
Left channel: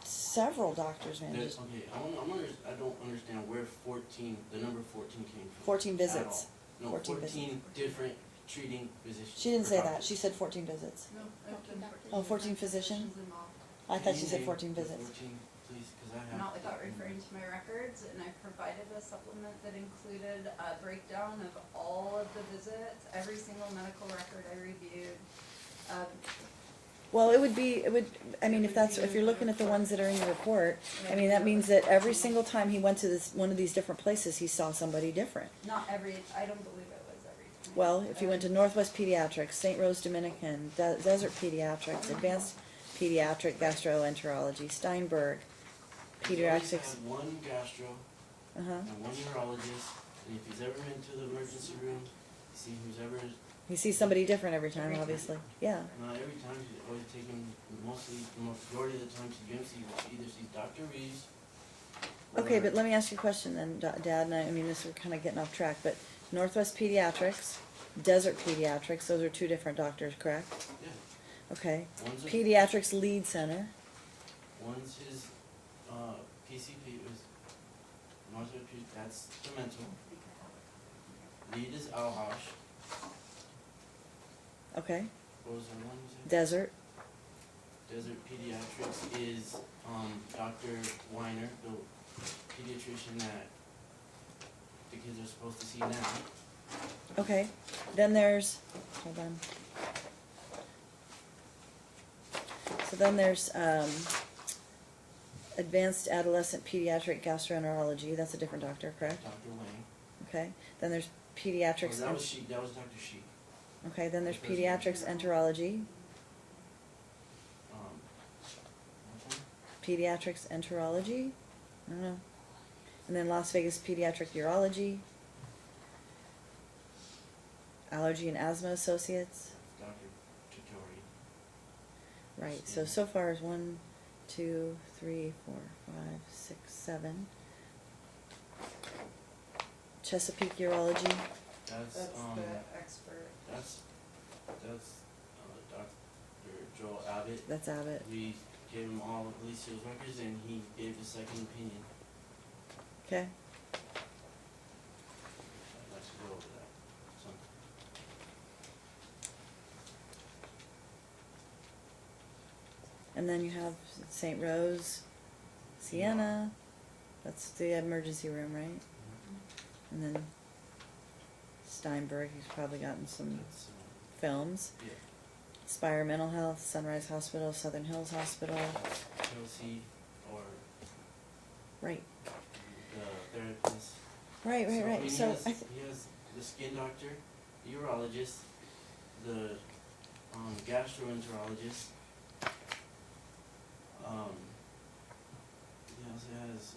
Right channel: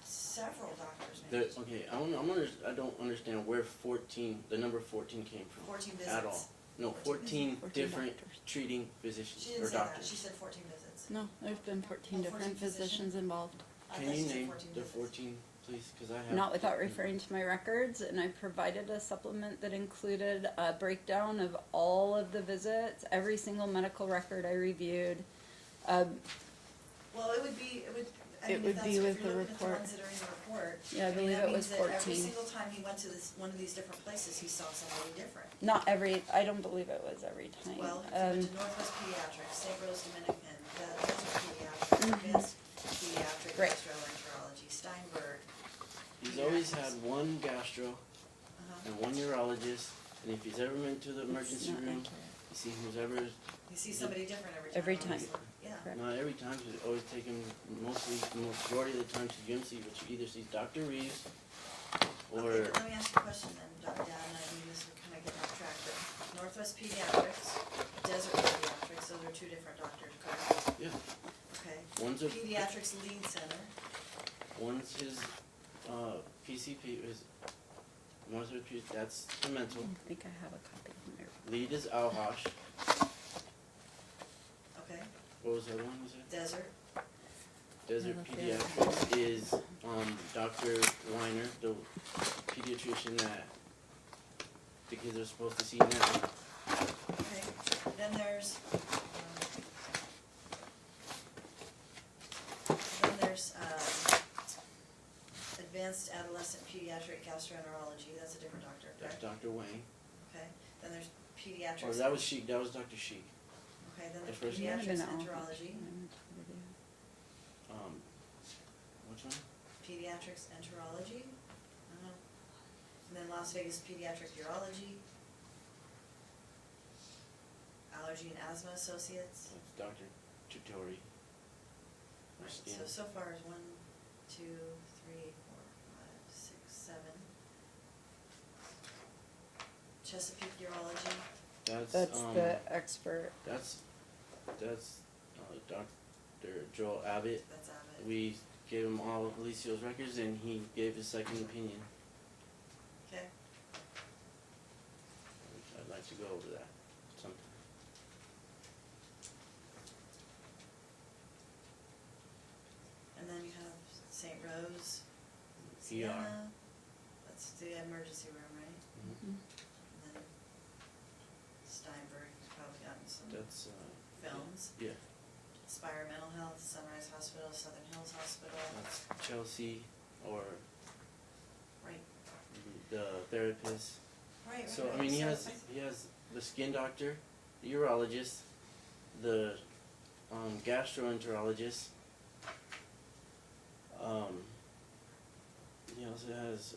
several doctors manage. Okay, I don't understand where the number 14 came from. 14 At visits. all. No, 14 visits. different treating physicians. She didn't or say that. doctors. She said 14 visits. No, there's been 14 Oh, 14 different physicians? physicians involved. I Can thought you she said name 14 the visits. 14, please, because I have. Not without referring to my records, and I provided a supplement that included a breakdown of all of the visits, every single medical record I reviewed. Well, it would, I mean, would if be you're with the looking at the report. ones that are in your report, Yeah, I I mean, believe that it means was that every 14. single time he went to one of these different places, he saw somebody different. Not every, I don't believe it was every time. Well, if you went to Northwest Pediatrics, St. Rose Dominican, Desert Pediatrics, Advanced Pediatric Right. Gastroenterology, Steinberg, He's always Pediatrics. had one gastro Uh-huh. and one urologist, and if he's ever been to the emergency not room, you see who's ever. He sees somebody different every time, Every time. obviously. Yeah. Not every time, she's always taken the majority of the time to UMC, which either sees Dr. Reeves or. Okay, but let me ask you a question then, Dad, and I mean, we're kind of getting off track, but Northwest Pediatrics, Desert Pediatrics, those are two different doctors, correct? Yeah, Okay. one's a. Pediatrics Lead Center, One's his, PCP, that's the mental. I think I have a copy in there. Lead is Alhosh. okay. What was the other one you said? Desert, Desert Pediatrics is, Dr. Weiner, the pediatrician that the kids are supposed to see now. okay. Then there's, hold on. So then there's, Advanced Adolescent Pediatric Gastroenterology, that's a different doctor, correct? Dr. Wang. Okay. Then there's Oh, Pediatrics. that was Dr. Sheik. Okay, then there's the first Pediatrics one. Enterology, What's that? Pediatrics Enterology, I don't know. And then Las Vegas Pediatric Urology, Allergy and Asthma Associates. Dr. Chitori. Right, Yeah. so far is 1, 2, 3, 4, 5, 6, 7. Chesapeake Urology, That's, That's the expert. that's, Dr. Joel Abbott. that's Abbott. We gave him all of Alicia's records and he gave his second opinion. Okay, I'd like to go over that sometime. and then you have St. Rose, Sienna, that's the emergency room, right? Mhm. And then Steinberg, he's probably gotten some That's, films. yeah, Spire Mental Health, Sunrise Hospital, Southern Hills Hospital. that's Chelsea, or Right. the therapist. Right, So, right, I right. mean, So he has the skin doctor, the urologist, the gastroenterologist. He also has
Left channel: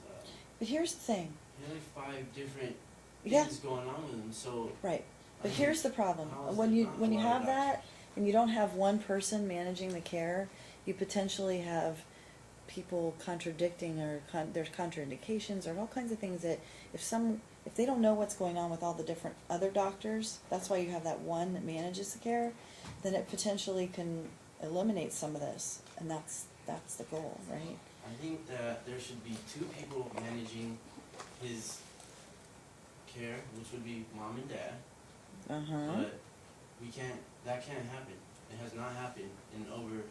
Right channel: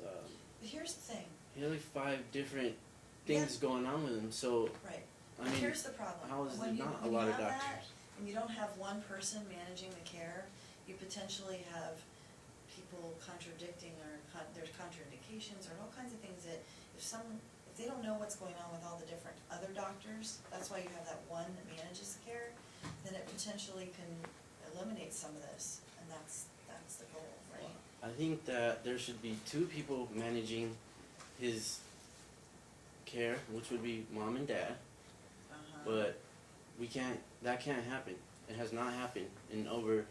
but here's the thing. he has like 5 different Yeah. things going on with him. So Right. I But mean, here's the problem. how is When there you not when a you lot of have that doctors? and you don't have one person managing the care, you potentially have people contradicting or there's contraindications or all kinds of things that if they don't know what's going on with all the different other doctors, that's why you have that one that manages the care, then it potentially can eliminate some of this, and that's the goal, right? I think that there should be 2 people managing his care, which would be mom and dad. But that can't happen. It has not happened in over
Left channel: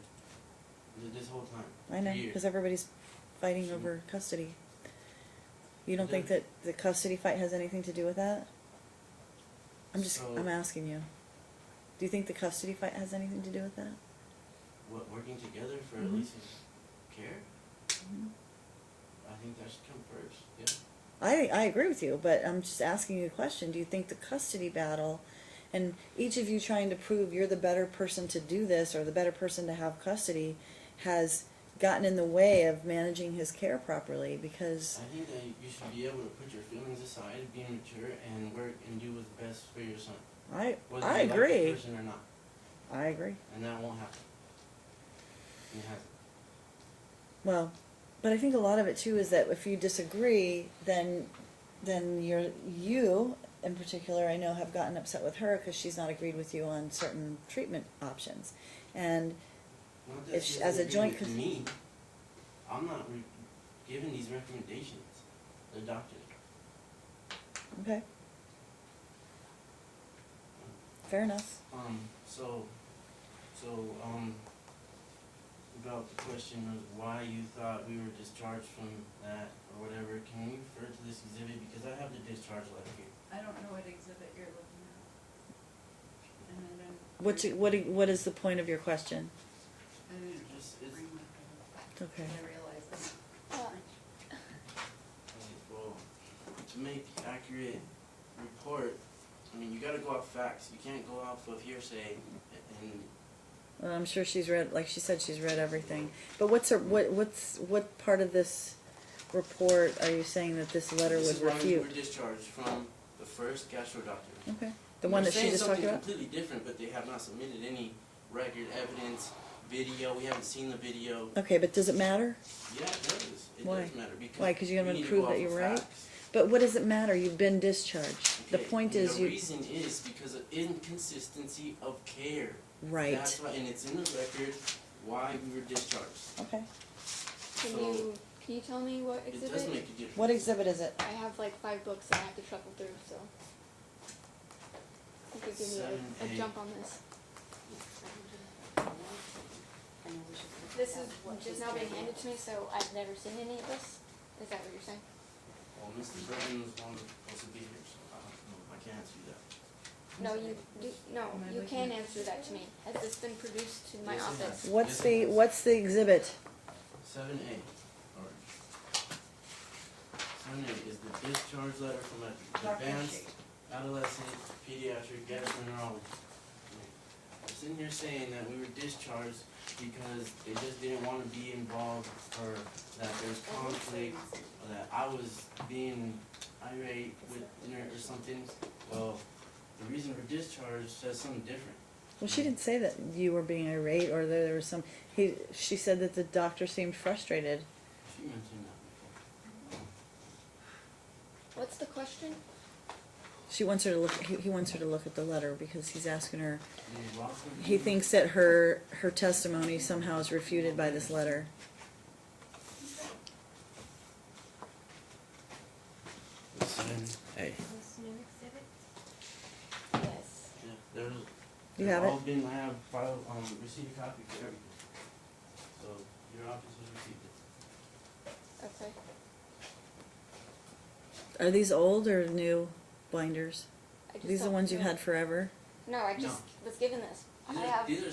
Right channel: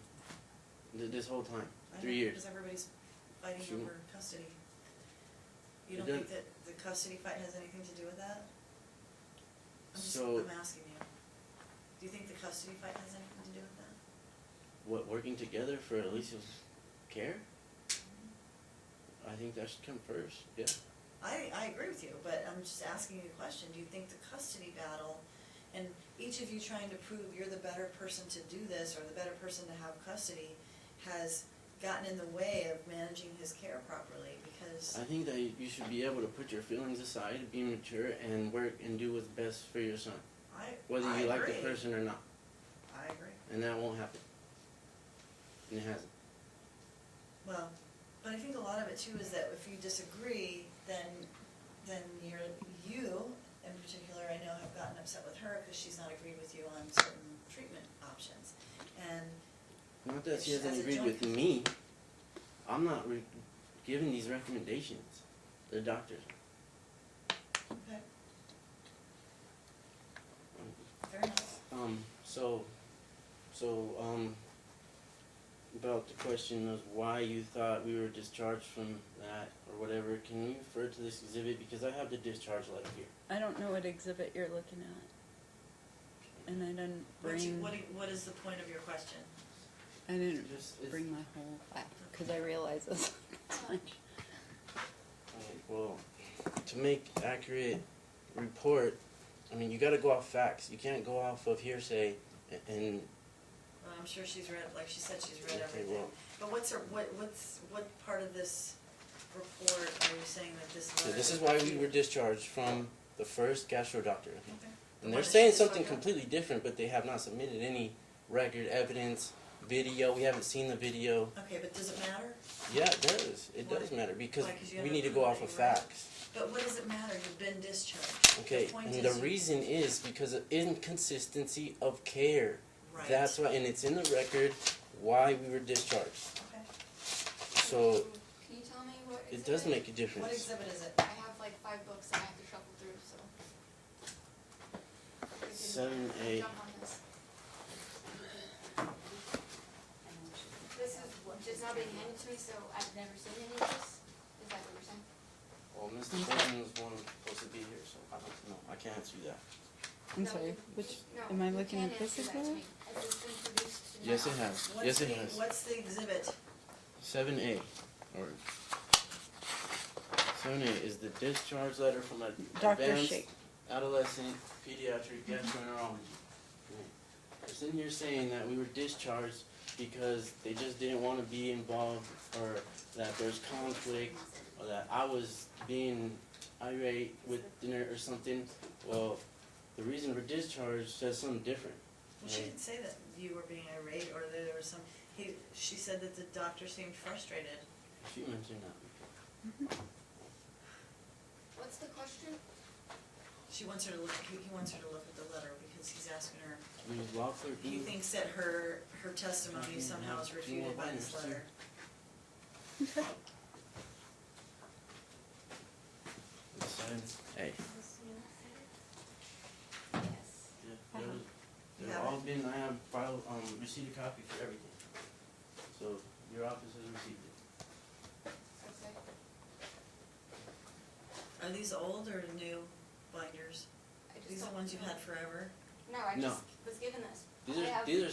this whole time. I know, 3 years. because everybody's fighting So- over custody. You don't It think that the custody fight has anything to do with that? So- I'm asking you. Do you think the custody fight has anything to do with that? What, working together for Mhm. Alicia's care? I think that should come first, yeah. I agree with you, but I'm just asking you a question. Do you think the custody battle, and each of you trying to prove you're the better person to do this or the better person to have custody, has gotten in the way of managing his care properly? Because I think that you should be able to put your feelings aside, be mature, and work and do what's best for your son. I Whether I you agree. like the person or not. I agree. And that won't happen. And it hasn't. Well, but I think a lot of it too is that if you disagree, then you in particular, I know, have gotten upset with her because she's not agreed with you on certain treatment options, and Not that If she she- hasn't as a agreed joint with me. I'm not giving these recommendations. The doctors. okay, fair enough. About the question was why you thought we were discharged from that or whatever, can you refer to this exhibit, because I have the discharge letter here. I don't know what exhibit you're looking at. And I didn't What is the point of your question? I didn't It's bring my whole back, Okay. because I realize this. well, to make accurate report, I mean, you gotta go off facts, you can't go off of hearsay and Well, I'm sure she's read, like she said, she's read everything. But what part of this report are you saying that this letter this was is why we were reviewed? discharged from the first gastro doctor. Okay, the And one they're that she saying just talked something about. completely different, but they have not submitted any record evidence, video. We haven't seen the video. Okay, but does it matter? Yeah, it does. It Why? does matter because Why? 'Cause you're we gonna need to prove go off that of you're right? facts. But what does it matter? You've been discharged. Okay. The point and is the you reason is because of inconsistency of care. right. That's why, and it's in the record why we were discharged. Okay. So Can you tell me what it exhibit? does make a difference. What exhibit is it? I have like 5 books that I have to shuffle through, so. I could give you 7A. a jump on this. This is just now being handed to me, so I've never seen any of this. Is that what you're saying? Well, Mr. President was one supposed to be here, so I don't know. I can't answer that. I'm No, sorry, you, which- no, am I you looking can at this answer that to one? me. It's been produced to my Yes, it office. has. What's Yes, it the has. what's the exhibit? 7A, or 7A is the discharge letter from an Dr. advanced Shake. adolescent pediatric gastroenterology. They're sitting here saying that we were discharged because they just didn't want to be involved, or that there's conflict, or that I was being irate with dinner or something. Well, the reason we're discharged says something different. Well, she didn't say that you were being irate or there was some. She said that the doctor seemed frustrated. She mentioned that. What's the question? She wants her to look. He wants her to look at the letter because he's asking her. Lawful He thinks that her testimony somehow is refuted by this letter. It's 7A. Yes. Yeah, there's, You they've have all it? been, I have filed, received a copy for everything. So, your office has received it. Okay. Are these old or new binders? I just These are the don't ones you know. had forever? No, I No. just was given this. These I are have. these are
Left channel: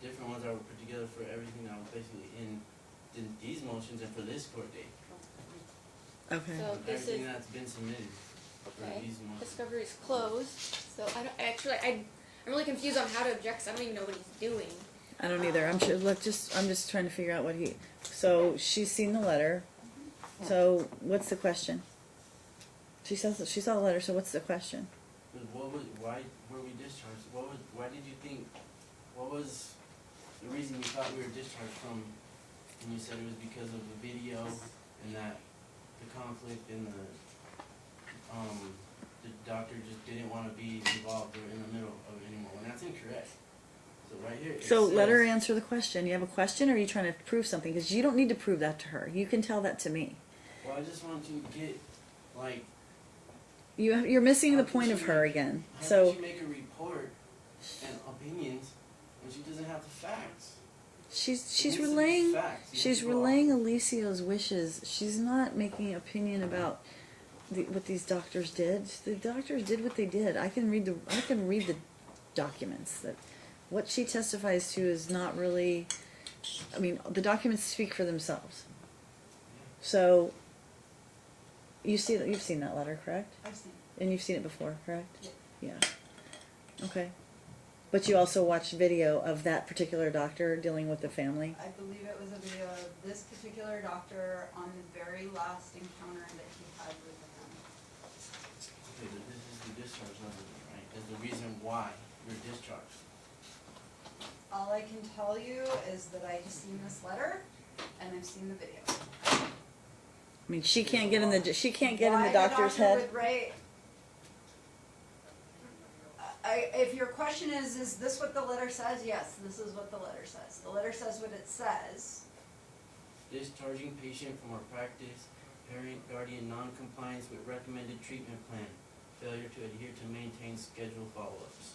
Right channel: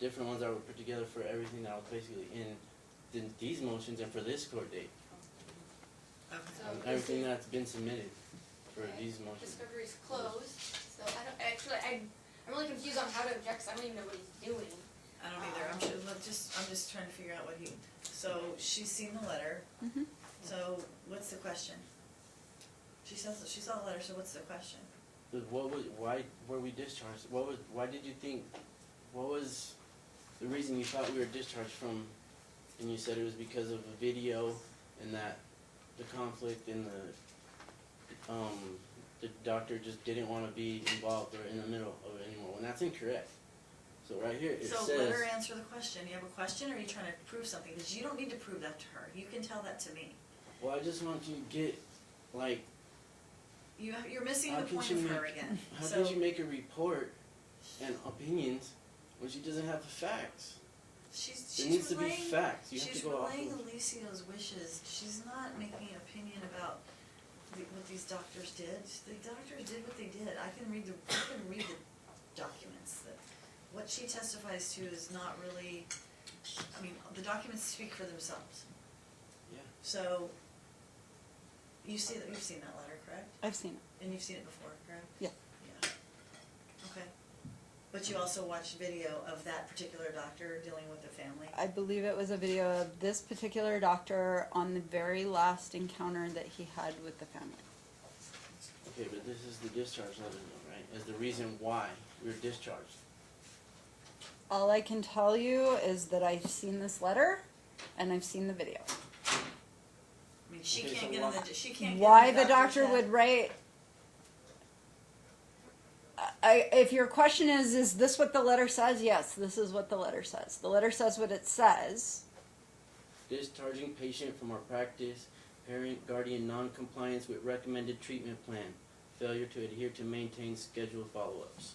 different ones that were put together for everything that was basically in these motions and for this court date. Okay. So this Everything is, that's been submitted for okay, these motions. discovery is closed, so I don't, actually, I'm really confused on how to object, 'cause I don't even know what he's doing. I don't either. I'm sure. I'm just trying to figure out what he. So she's seen the letter. Mhm. So what's the question? She says that she saw the letter. So what's the question? But why were we discharged? Why did you think, what was the reason you thought we were discharged from, and you said it was because of the video and that the conflict in the doctor just didn't want to be involved or in the middle of it anymore, when that's incorrect. So right here, it So says, let her answer the question. You have a question, or are you trying to prove something? Because you don't need to prove that to her. You can tell that to me. well, I just want you to get, like, You're missing the How could point you of her make- again. how So could you make a report and opinions when she doesn't have the facts? she's It needs to be relaying. facts. You have She's to go off relaying of- Alicia's wishes. She's not making an opinion about what these doctors did. The doctors did what they did. I can read the documents. That what she testifies to is not really. I mean, the documents speak for themselves. Yeah. So you've seen that letter, correct? I've seen it. And you've seen it before, correct? Yeah. Yeah. Okay. But you also watched video of that particular doctor dealing with the family? I believe it was a video of this particular doctor on the very last encounter that he had with the family. Okay, but this is the discharge letter, right? Is the reason why we were discharged. All I can tell you is that I've seen this letter and I've seen the video. I mean, she can't get in the Why the doctor's doctor head. would write. If your question is this what the letter says? Yes, this is what the letter says. The letter says what it says. Discharging patient from our practice, parent, guardian, non-compliance with recommended treatment plan, failure to adhere to maintain scheduled follow-ups.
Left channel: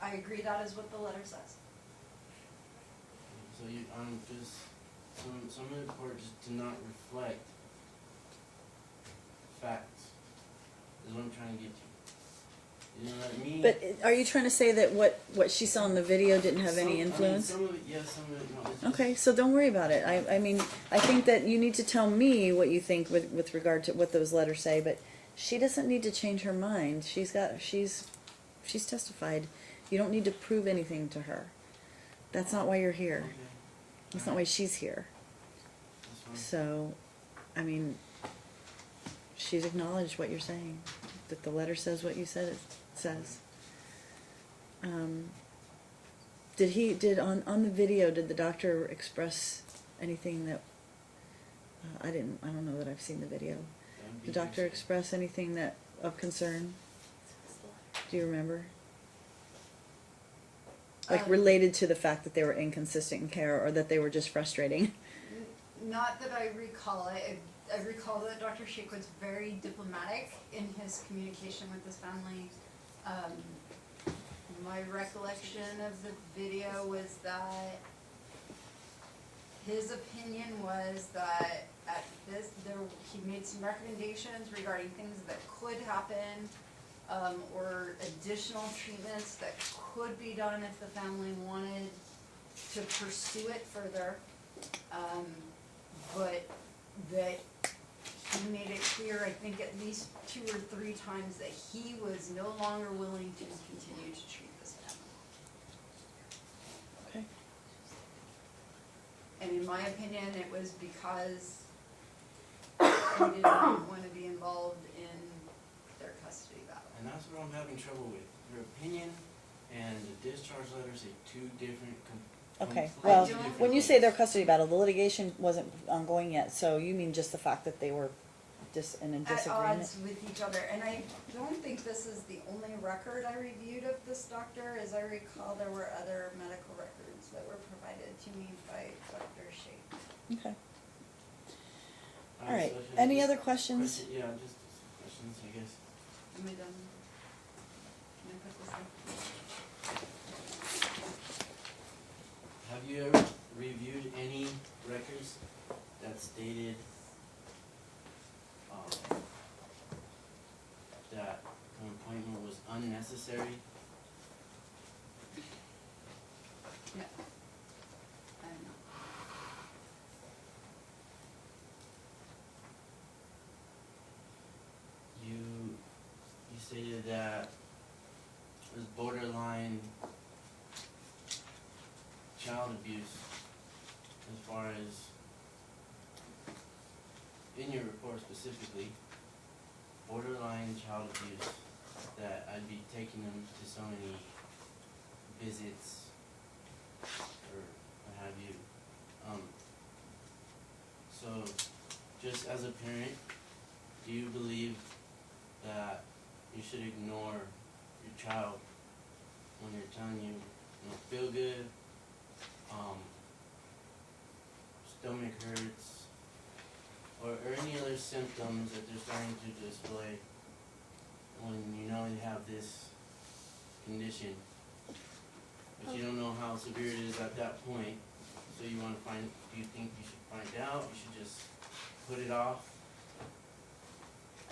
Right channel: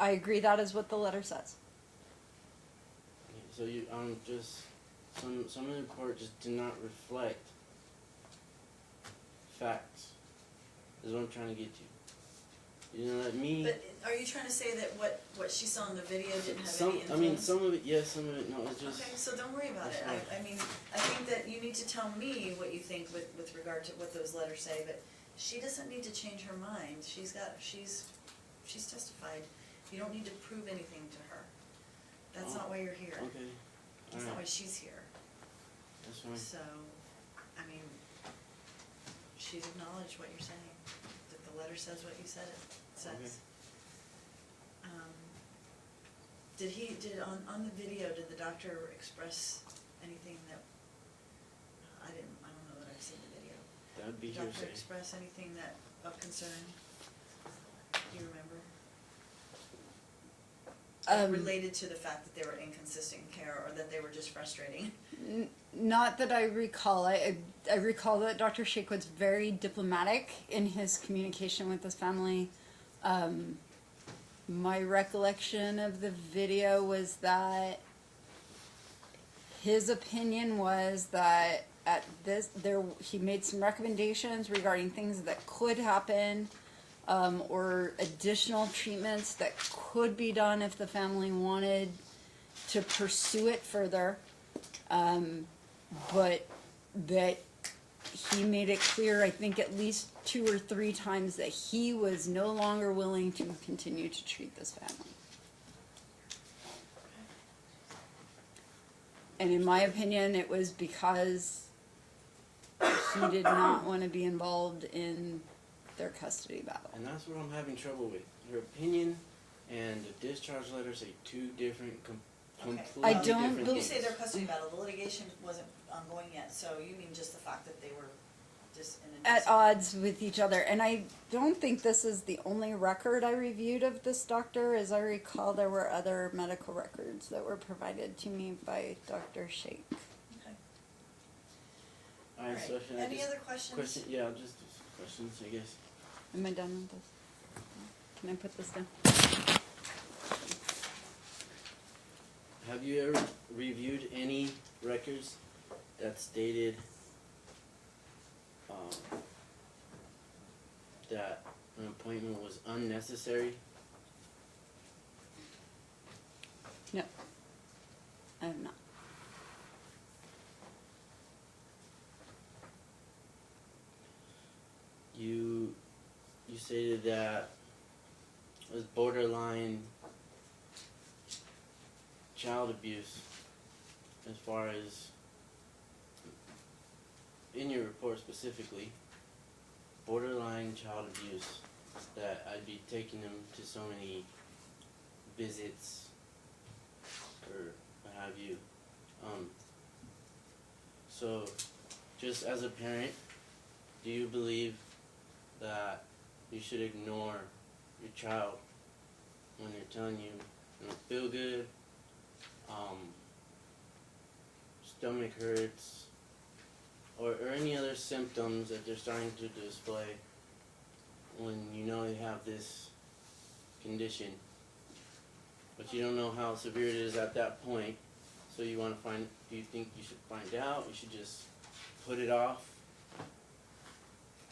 I agree that is what the letter says. So you, just, some of the report just do not reflect facts. Is what I'm trying to get to. You know what I mean? But are you trying to say that what she saw in the video didn't have any influence? some of it, yes, some of it, no, it's just. Okay, so don't worry about it. I mean, I think that you need to tell me what you think with regard to what those letters say, but she doesn't need to change her mind. She's testified. You don't need to prove anything to her. That's not why you're here. Okay. That's not why she's here. That's fine. So, I mean, she's acknowledged what you're saying, that the letter says what you said it says. On the video, did the doctor express anything that, I don't know that I've seen the video. That'd be Did the doctor hearsay. express anything that, of concern? Do you remember? Like related to the fact that they were inconsistent in care, or that they were just frustrating? Not that I recall. I recall that Dr. Sheikh was very diplomatic in his communication with his family. My recollection of the video was that his opinion was that he made some recommendations regarding things that could happen, or additional treatments that could be done if the family wanted to pursue it further, but that he made it clear, I think at least 2 or 3 times, that he was no longer willing to continue to treat this family. Okay. And in my opinion, it was because he did not want to be involved in their custody battle. And that's what I'm having trouble with. Your opinion and the discharge letter say 2 different, Okay, completely well, different when you things. say their custody battle, the litigation wasn't ongoing yet, so you mean just the fact that they were in a disagreement? At odds with each other. And I don't think this is the only record I reviewed of this doctor. As I recall, there were other medical records that were provided to me by Dr. Sheikh. Okay. All Alright, right, so should I any just- other questions? Yeah, just questions, I guess. Am I done with this? Can I put this down? Have you ever reviewed any records that stated that an appointment unnecessary? No, I have not. You stated that it was borderline child abuse as far as in your report specifically, borderline child abuse, that I'd be taking them to so many visits or what have you. So just as a parent, do you believe that you should ignore your child when they're telling you don't feel good, stomach hurts, or any other symptoms that they're starting to display when you know they have this condition, but you don't know how severe it is at that point, so you want to find, do you think you should find out, you should just put it off?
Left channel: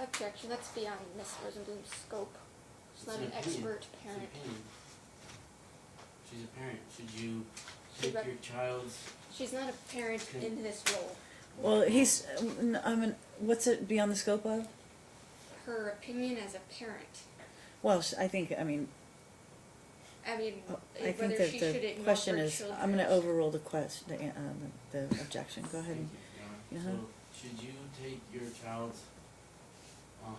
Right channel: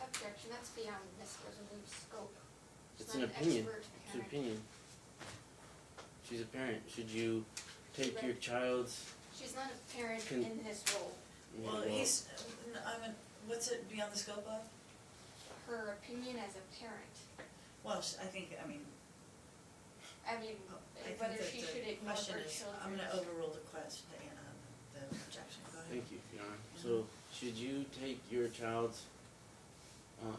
Objection, that's beyond Miss Rosenblum's scope. She's It's not an an opinion. expert It's an parent. opinion. She's a parent. Should you She's take not- your child's? She's not a parent Can- in this role. Well, what's it beyond the scope of? Her opinion as a parent. Well, I think, I mean, I think whether that she should the ignore question her is, children. I'm gonna overrule the the objection, go ahead. Thank you, Your Honor. Uh-huh. So, should you take your child's?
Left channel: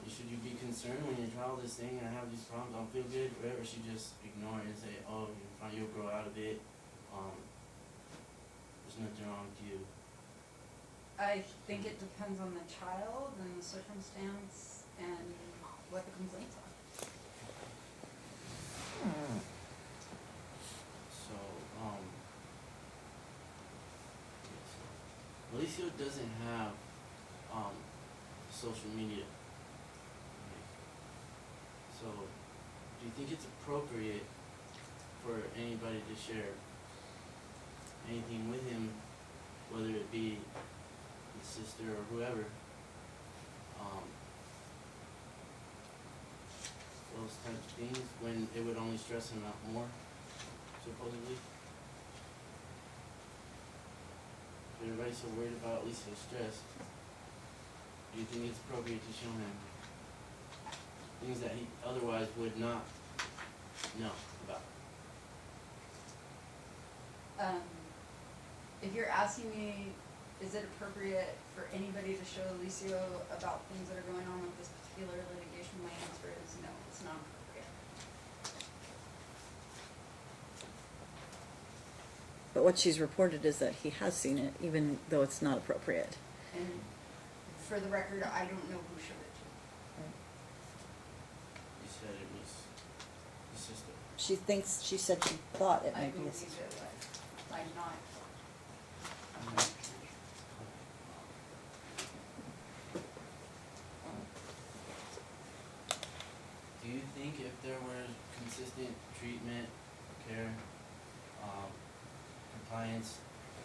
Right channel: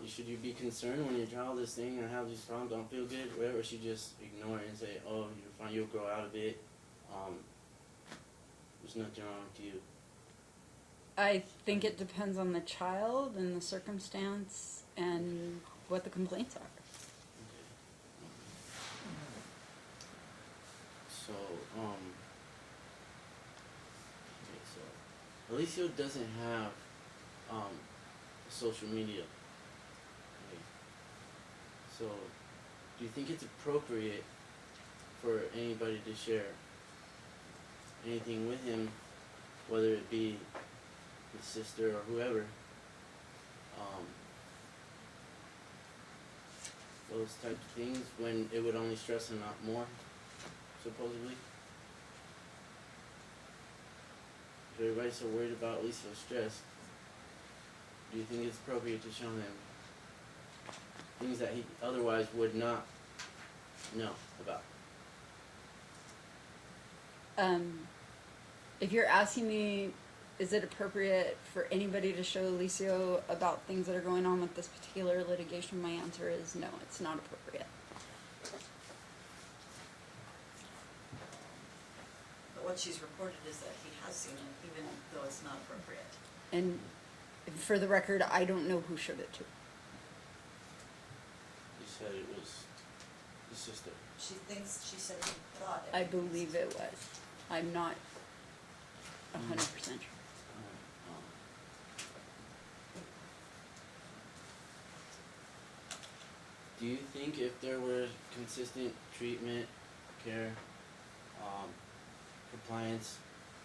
Should you be concerned when your child is saying, "I have these problems, I don't feel good," or whatever? Or should you just ignore it and say, "Oh, you're fine, you'll grow out of it. There's nothing wrong with you." I think it depends on the child and the circumstance and what the complaints are. So, Alicia doesn't have, social media. Okay. So, do you think it's appropriate for anybody to share anything with him, whether it be his sister or whoever? Those types of things, when it would only stress him out more, supposedly? If everybody's so worried about Lisa's stress, do you think it's appropriate to show him things that he otherwise would not know about? If you're asking me, is it appropriate for anybody to show Alicio about things that are going on with this particular litigation, my answer is no, it's not appropriate. But what she's reported is that he has seen it, even though it's not appropriate. And for the record, I don't know who showed it to. You said it was his sister. She said she thought it I might be his believe it was. I'm not 100% sure. Do you think if there were consistent treatment, care, compliance,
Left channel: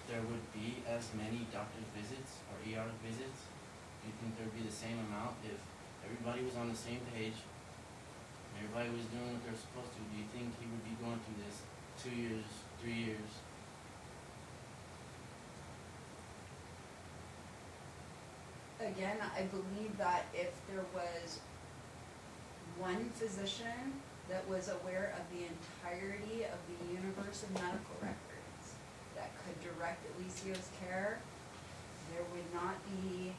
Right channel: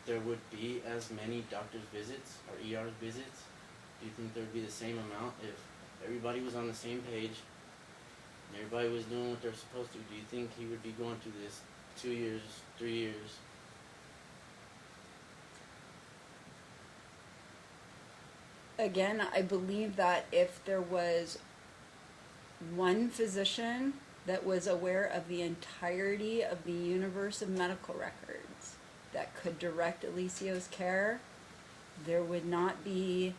there would be as many doctor's visits or ER visits? Do you think there would be the same amount if everybody was on the same page, and everybody was doing what they're supposed to? Do you think he would be going through this 2 years, 3 years? Again, I believe that if there was one physician that was aware of the entirety of the universe of medical records that could direct Alicio's care, there would not be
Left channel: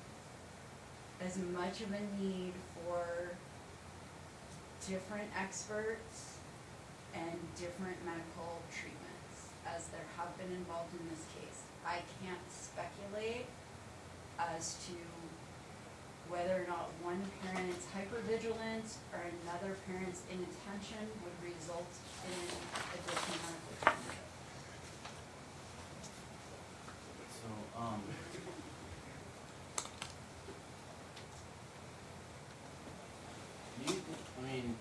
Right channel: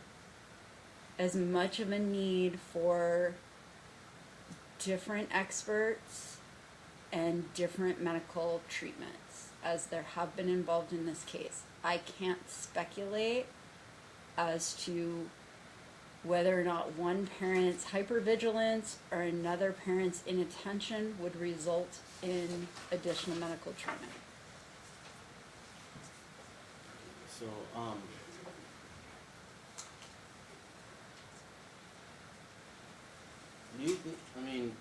as much of a need for different experts and different medical treatments as there have been involved in this case. I can't speculate as to whether or not one parent's hypervigilance or another parent's inattention would result in additional medical treatment. So, do you think, I mean,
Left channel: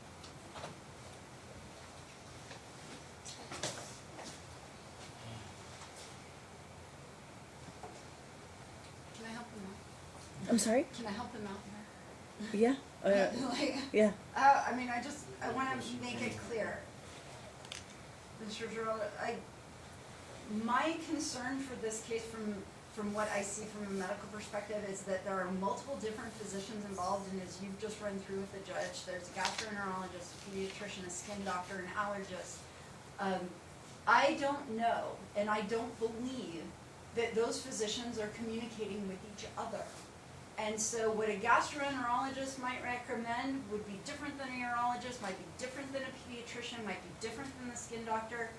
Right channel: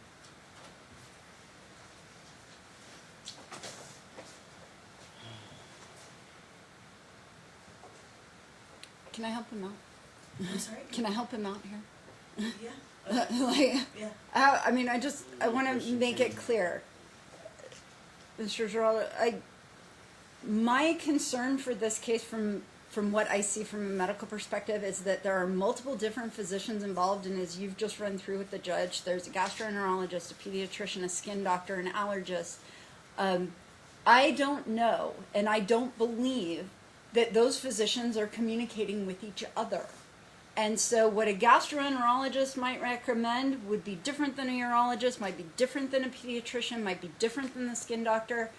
Can I help him out? I'm sorry? Can I help him out here? Yeah? Like, Yeah. I mean, I want to make it clear. Mr. Geraldo, my concern for this case from what I see from a medical perspective is that there are multiple different physicians involved, and as you've just run through with the judge, there's a gastroenterologist, a pediatrician, a skin doctor, an allergist. I don't know, and I don't believe that those physicians are communicating with each other. And so what a gastroenterologist might recommend would be different than a urologist, might be different than a pediatrician, might be different than the skin doctor.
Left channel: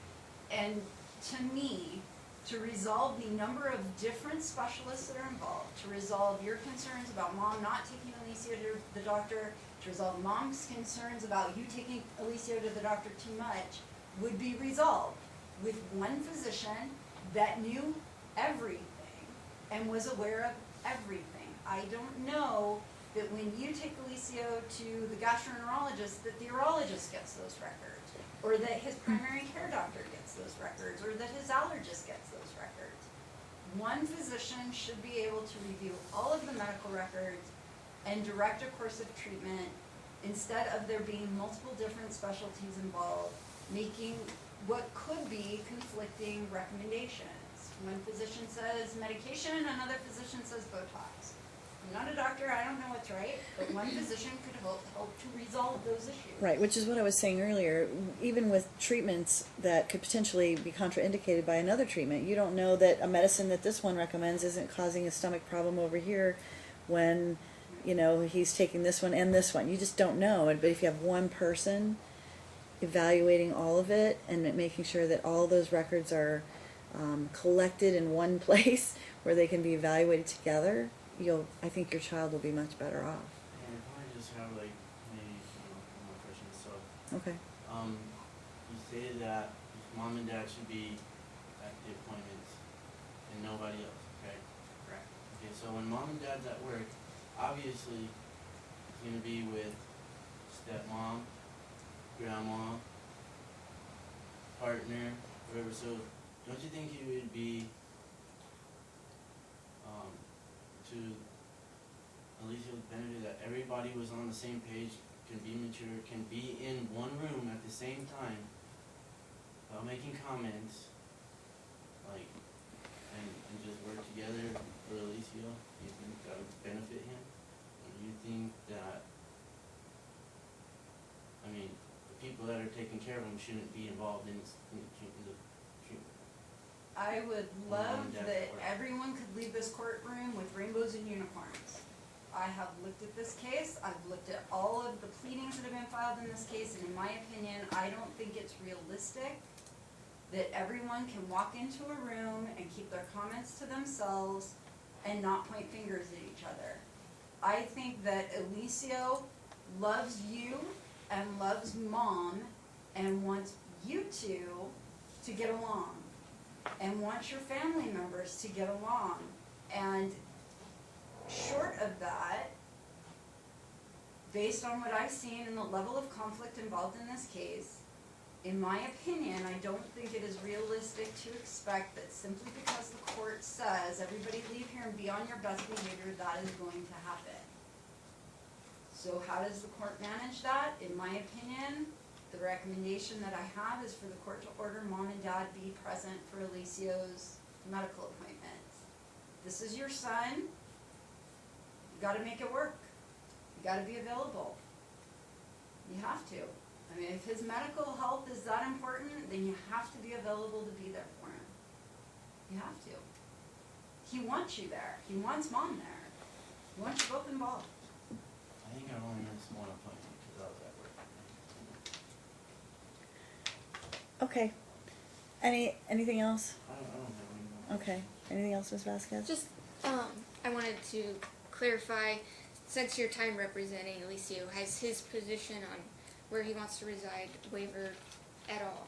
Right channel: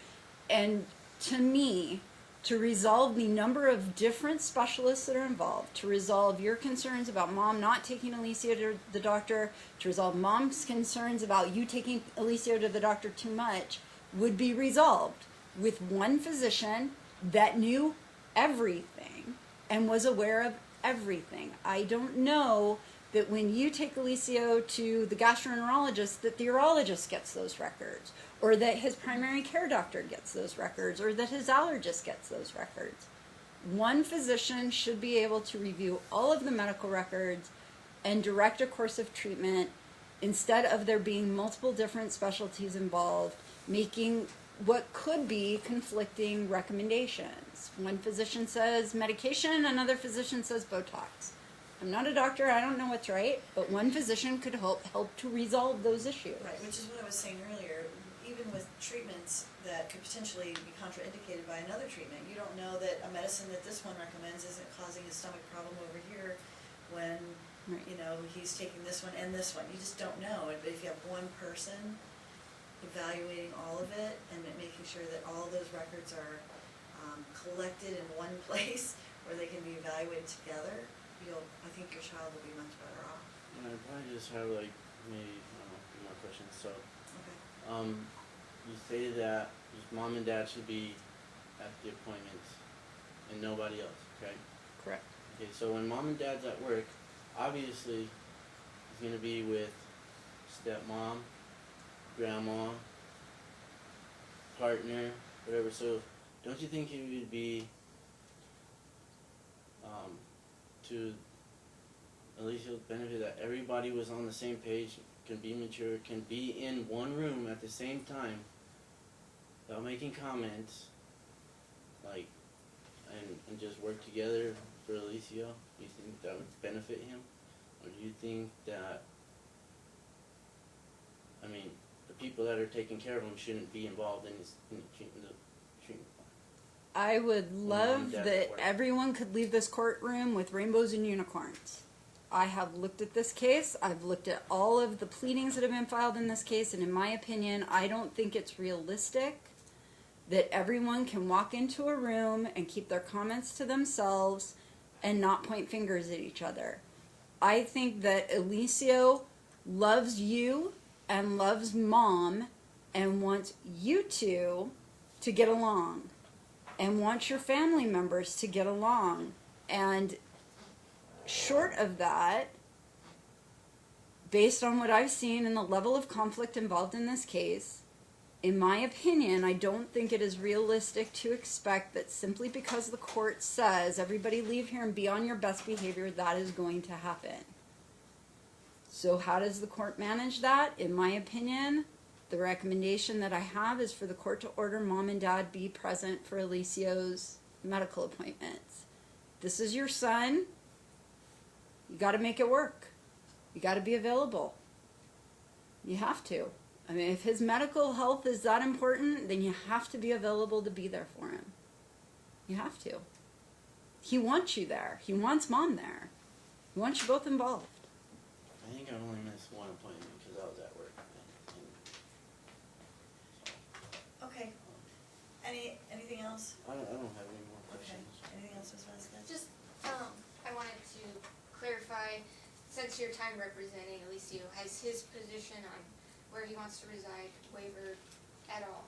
And to me, to resolve the number of different specialists that are involved, to resolve your concerns about mom not taking Alicia to the doctor, to resolve mom's concerns about you taking Alicia to the doctor too much, would be resolved with one physician that knew everything and was aware of everything. I don't know that when you take Alicia to the gastroenterologist that the urologist gets those records, or that his primary care doctor gets those records, or that his allergist gets those records. One physician should be able to review all of the medical records and direct a course of treatment instead of there being multiple different specialties involved, making what could be conflicting recommendations. One physician says medication, another physician says Botox. I'm not a doctor, I don't know what's right, but one physician could help to resolve those issues. Right, which is what I was saying earlier. Even with treatments that could potentially be contraindicated by another treatment, you don't know that a medicine that this one recommends isn't causing a stomach problem over here when, Right. you know, he's taking this one and this one. You just don't know. But if you have one person evaluating all of it and making sure that all those records are collected in one place where they can be evaluated together, I think your child will be much better off. And I probably just have like maybe more questions. So Okay. you stated that mom and dad should be at the appointments and nobody else, okay? Correct. Okay, so when mom and dad's at work, obviously he's gonna be with stepmom, grandma, partner, whatever. So don't you think it would be to Alicia's benefit that everybody was on the same page, can be mature, can be in one room at the same time without making comments, like, and just work together for Alicia? Do you think that would benefit him? Or do you think that, I mean, the people that are taking care of him shouldn't be involved in the treatment? I would love and dad's that at work. everyone could leave this courtroom with rainbows and unicorns. I have looked at this case, I've looked at all of the pleadings that have been filed in this case, and in my opinion, I don't think it's realistic that everyone can walk into a room and keep their comments to themselves and not point fingers at each other. I think that Alicia loves you and loves mom and wants you two to get along, and wants your family members to get along. And short of that, based on what I've seen and the level of conflict involved in this case, in my opinion, I don't think it is realistic to expect that simply because the court says everybody leave here and be on your best behavior, that is going to happen. So how does the court manage that? In my opinion, the recommendation that I have is for the court to order mom and dad be present for Alicia's medical appointments. This is your son. You gotta make it work. You gotta be available. You have to. I mean, if his medical health is that important, then you have to be available to be there for him. You have to. He wants you there. He wants mom there. He wants you both involved. I think I only missed one appointment because I was at work. Okay. Anything else? I don't have any more Okay. questions. Anything else, Ms. Vasquez? Just, I wanted to clarify, since your time representing Alicia, has his position on where he wants to reside wavered at all?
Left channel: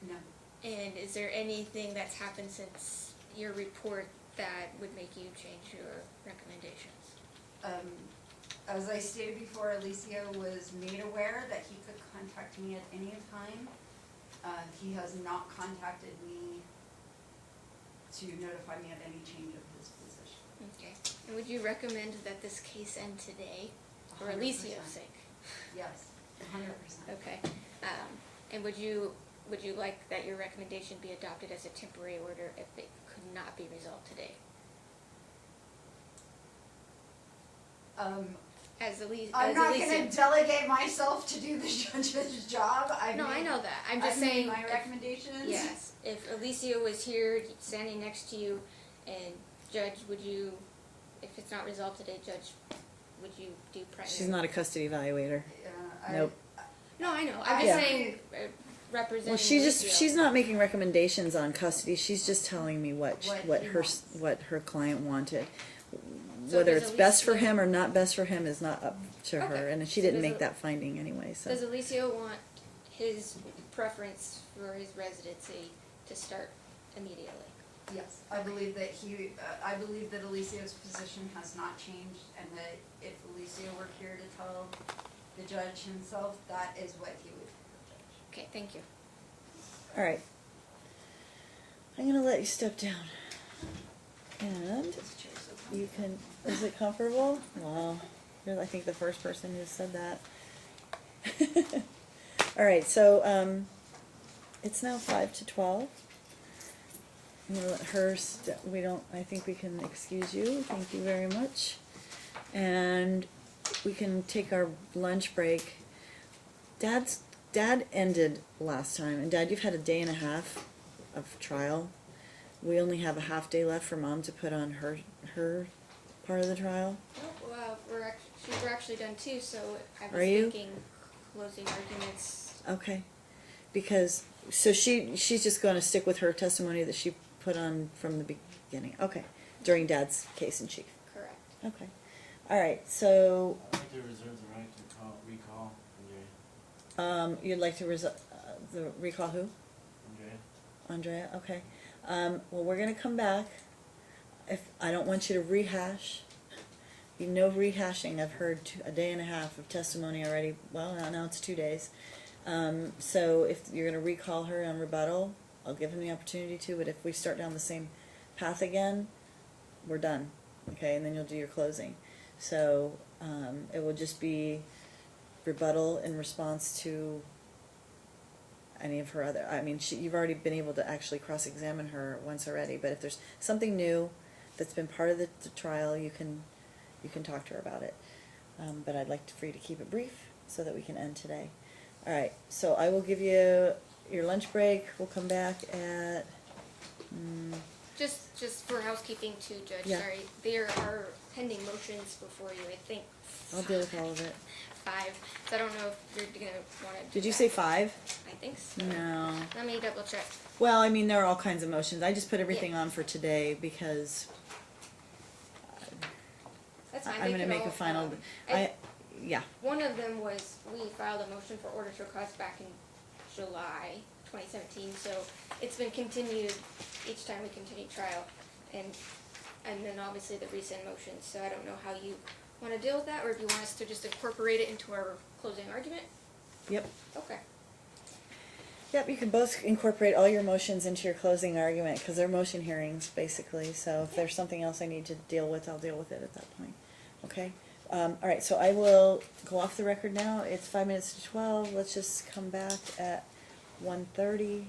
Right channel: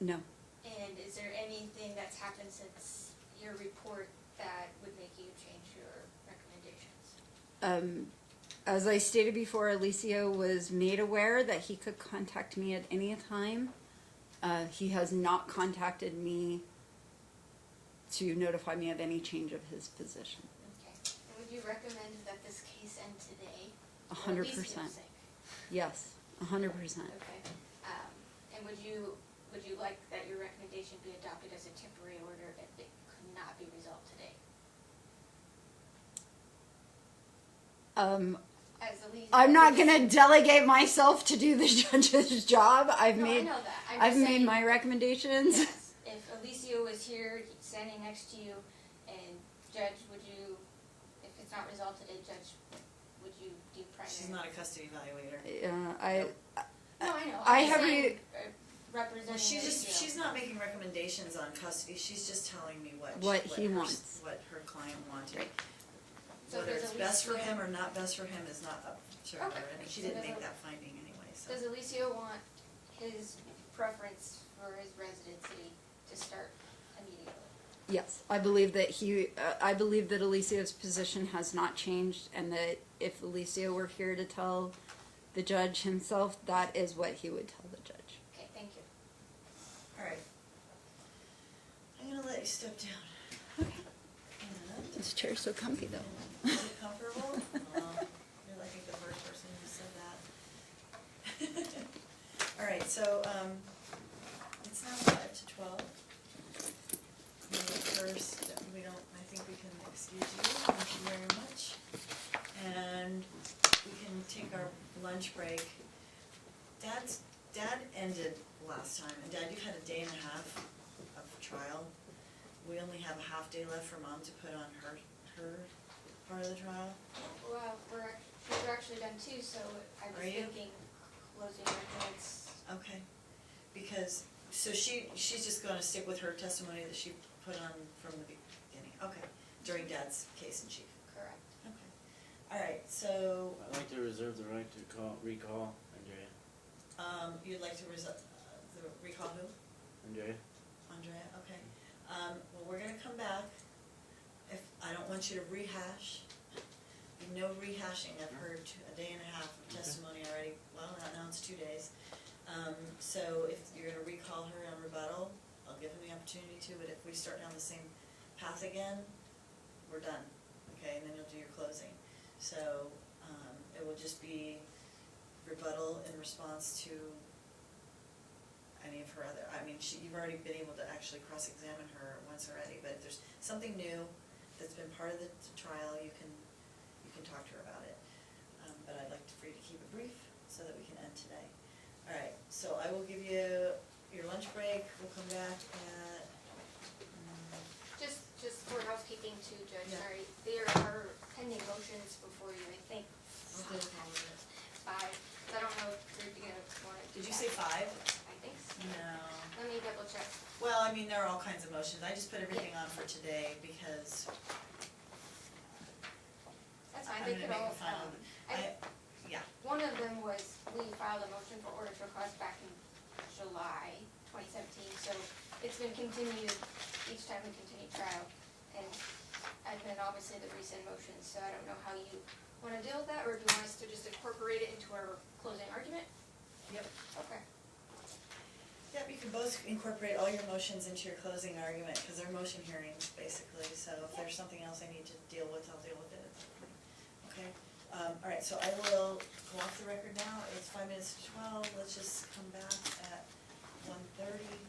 No. And is there anything that's happened since your report that would make you change your recommendations? As I stated before, Alicia was made aware that he could contact me at any time. He has not contacted me to notify me of any change of his position. Okay. And would you recommend that this case end today? for 100%. Alicia's sake. Yes, 100%. Okay. And would you like that your recommendation be adopted as a temporary order if it could not be resolved today? As Alicia, I'm not gonna delegate myself to do the judge's job. No, I know that. I'm just I've made saying. my recommendations. Yes. If Alicia was here, standing next to you, and Judge, would you, if it's not resolved today, Judge, would you do primary? She's not a custody evaluator. I, Nope. No, I know. I I'm just agree. saying, representing. Well, Alicia. she's not making recommendations on custody. She's just telling me what he wants. what her client wanted. So Whether does it's best for Alicia- him or not best for him is not up to her, Okay. and she So didn't does make it- that finding anyway. So Does Alicia want his preference for his residency to start immediately? yes, I believe that I believe that Alicia's position has not changed, and that if Alicia were here to tell the judge himself, that is what he would tell the judge. Okay, thank you. all right, I'm gonna let you step down. And This chair's so comfy you though. can, is it comfortable? Well, you're, I think, the first person who said that. All right, so it's now 5:12. I'm gonna let her. We don't. I think we can excuse you. Thank you very much. And we can take our lunch break. Dad ended last time, and Dad, you've had a day and a half of trial. We only have a half day left for Mom to put on her part of the trial. Oh, well, we're actually done too, so I was Are you? thinking closing arguments. Okay, because she's just going to stick with her testimony that she put on from the beginning. Okay, during Dad's case in chief. Correct. Okay, all right. So I'd like to reserve the right to recall Andrea. you'd like to the recall who? Andrea? Andrea. Okay. Well, we're gonna come back. If I don't want you to rehash. No rehashing. I've heard a day and a half of testimony already. Well, now it's 2 days. So if you're going to recall her on rebuttal, I'll give him the opportunity to. But if we start down the same path again, we're done. Okay, and then you'll do your closing. So it will just be rebuttal in response to any of her other. I mean, you've already been able to actually cross-examine her once already. But if there's something new that's been part of the trial, you can talk to her about it. But I'd like for you to keep it brief so that we can end today. All right, so I will give you your lunch break. We'll come back at... Just for housekeeping too, Judge, Yeah. sorry. There are pending motions before you, I think. I'll deal with all of it. 5. So I don't know if you're gonna want to. Did you say 5? I think so. No. Let me double check. Well, I mean, there are all kinds of motions. I just put everything on for today because That's fine. I'm they going to can make a all final... come. Yeah. One of them was, we filed a motion for order to request back in July 2017, so it's been continued each time we continue trial. And then obviously the rescind motions, so I don't know how you want to deal with that, or if you want us to just incorporate it into our closing argument? Yep. Okay. Yep, you can both incorporate all your motions into your closing argument because they're motion hearings, basically. So if there's something else I need to deal with, I'll deal with it at that point. Okay? All right, so I will go off the record now. It's 5 minutes to 12. Let's just come back at 1:30.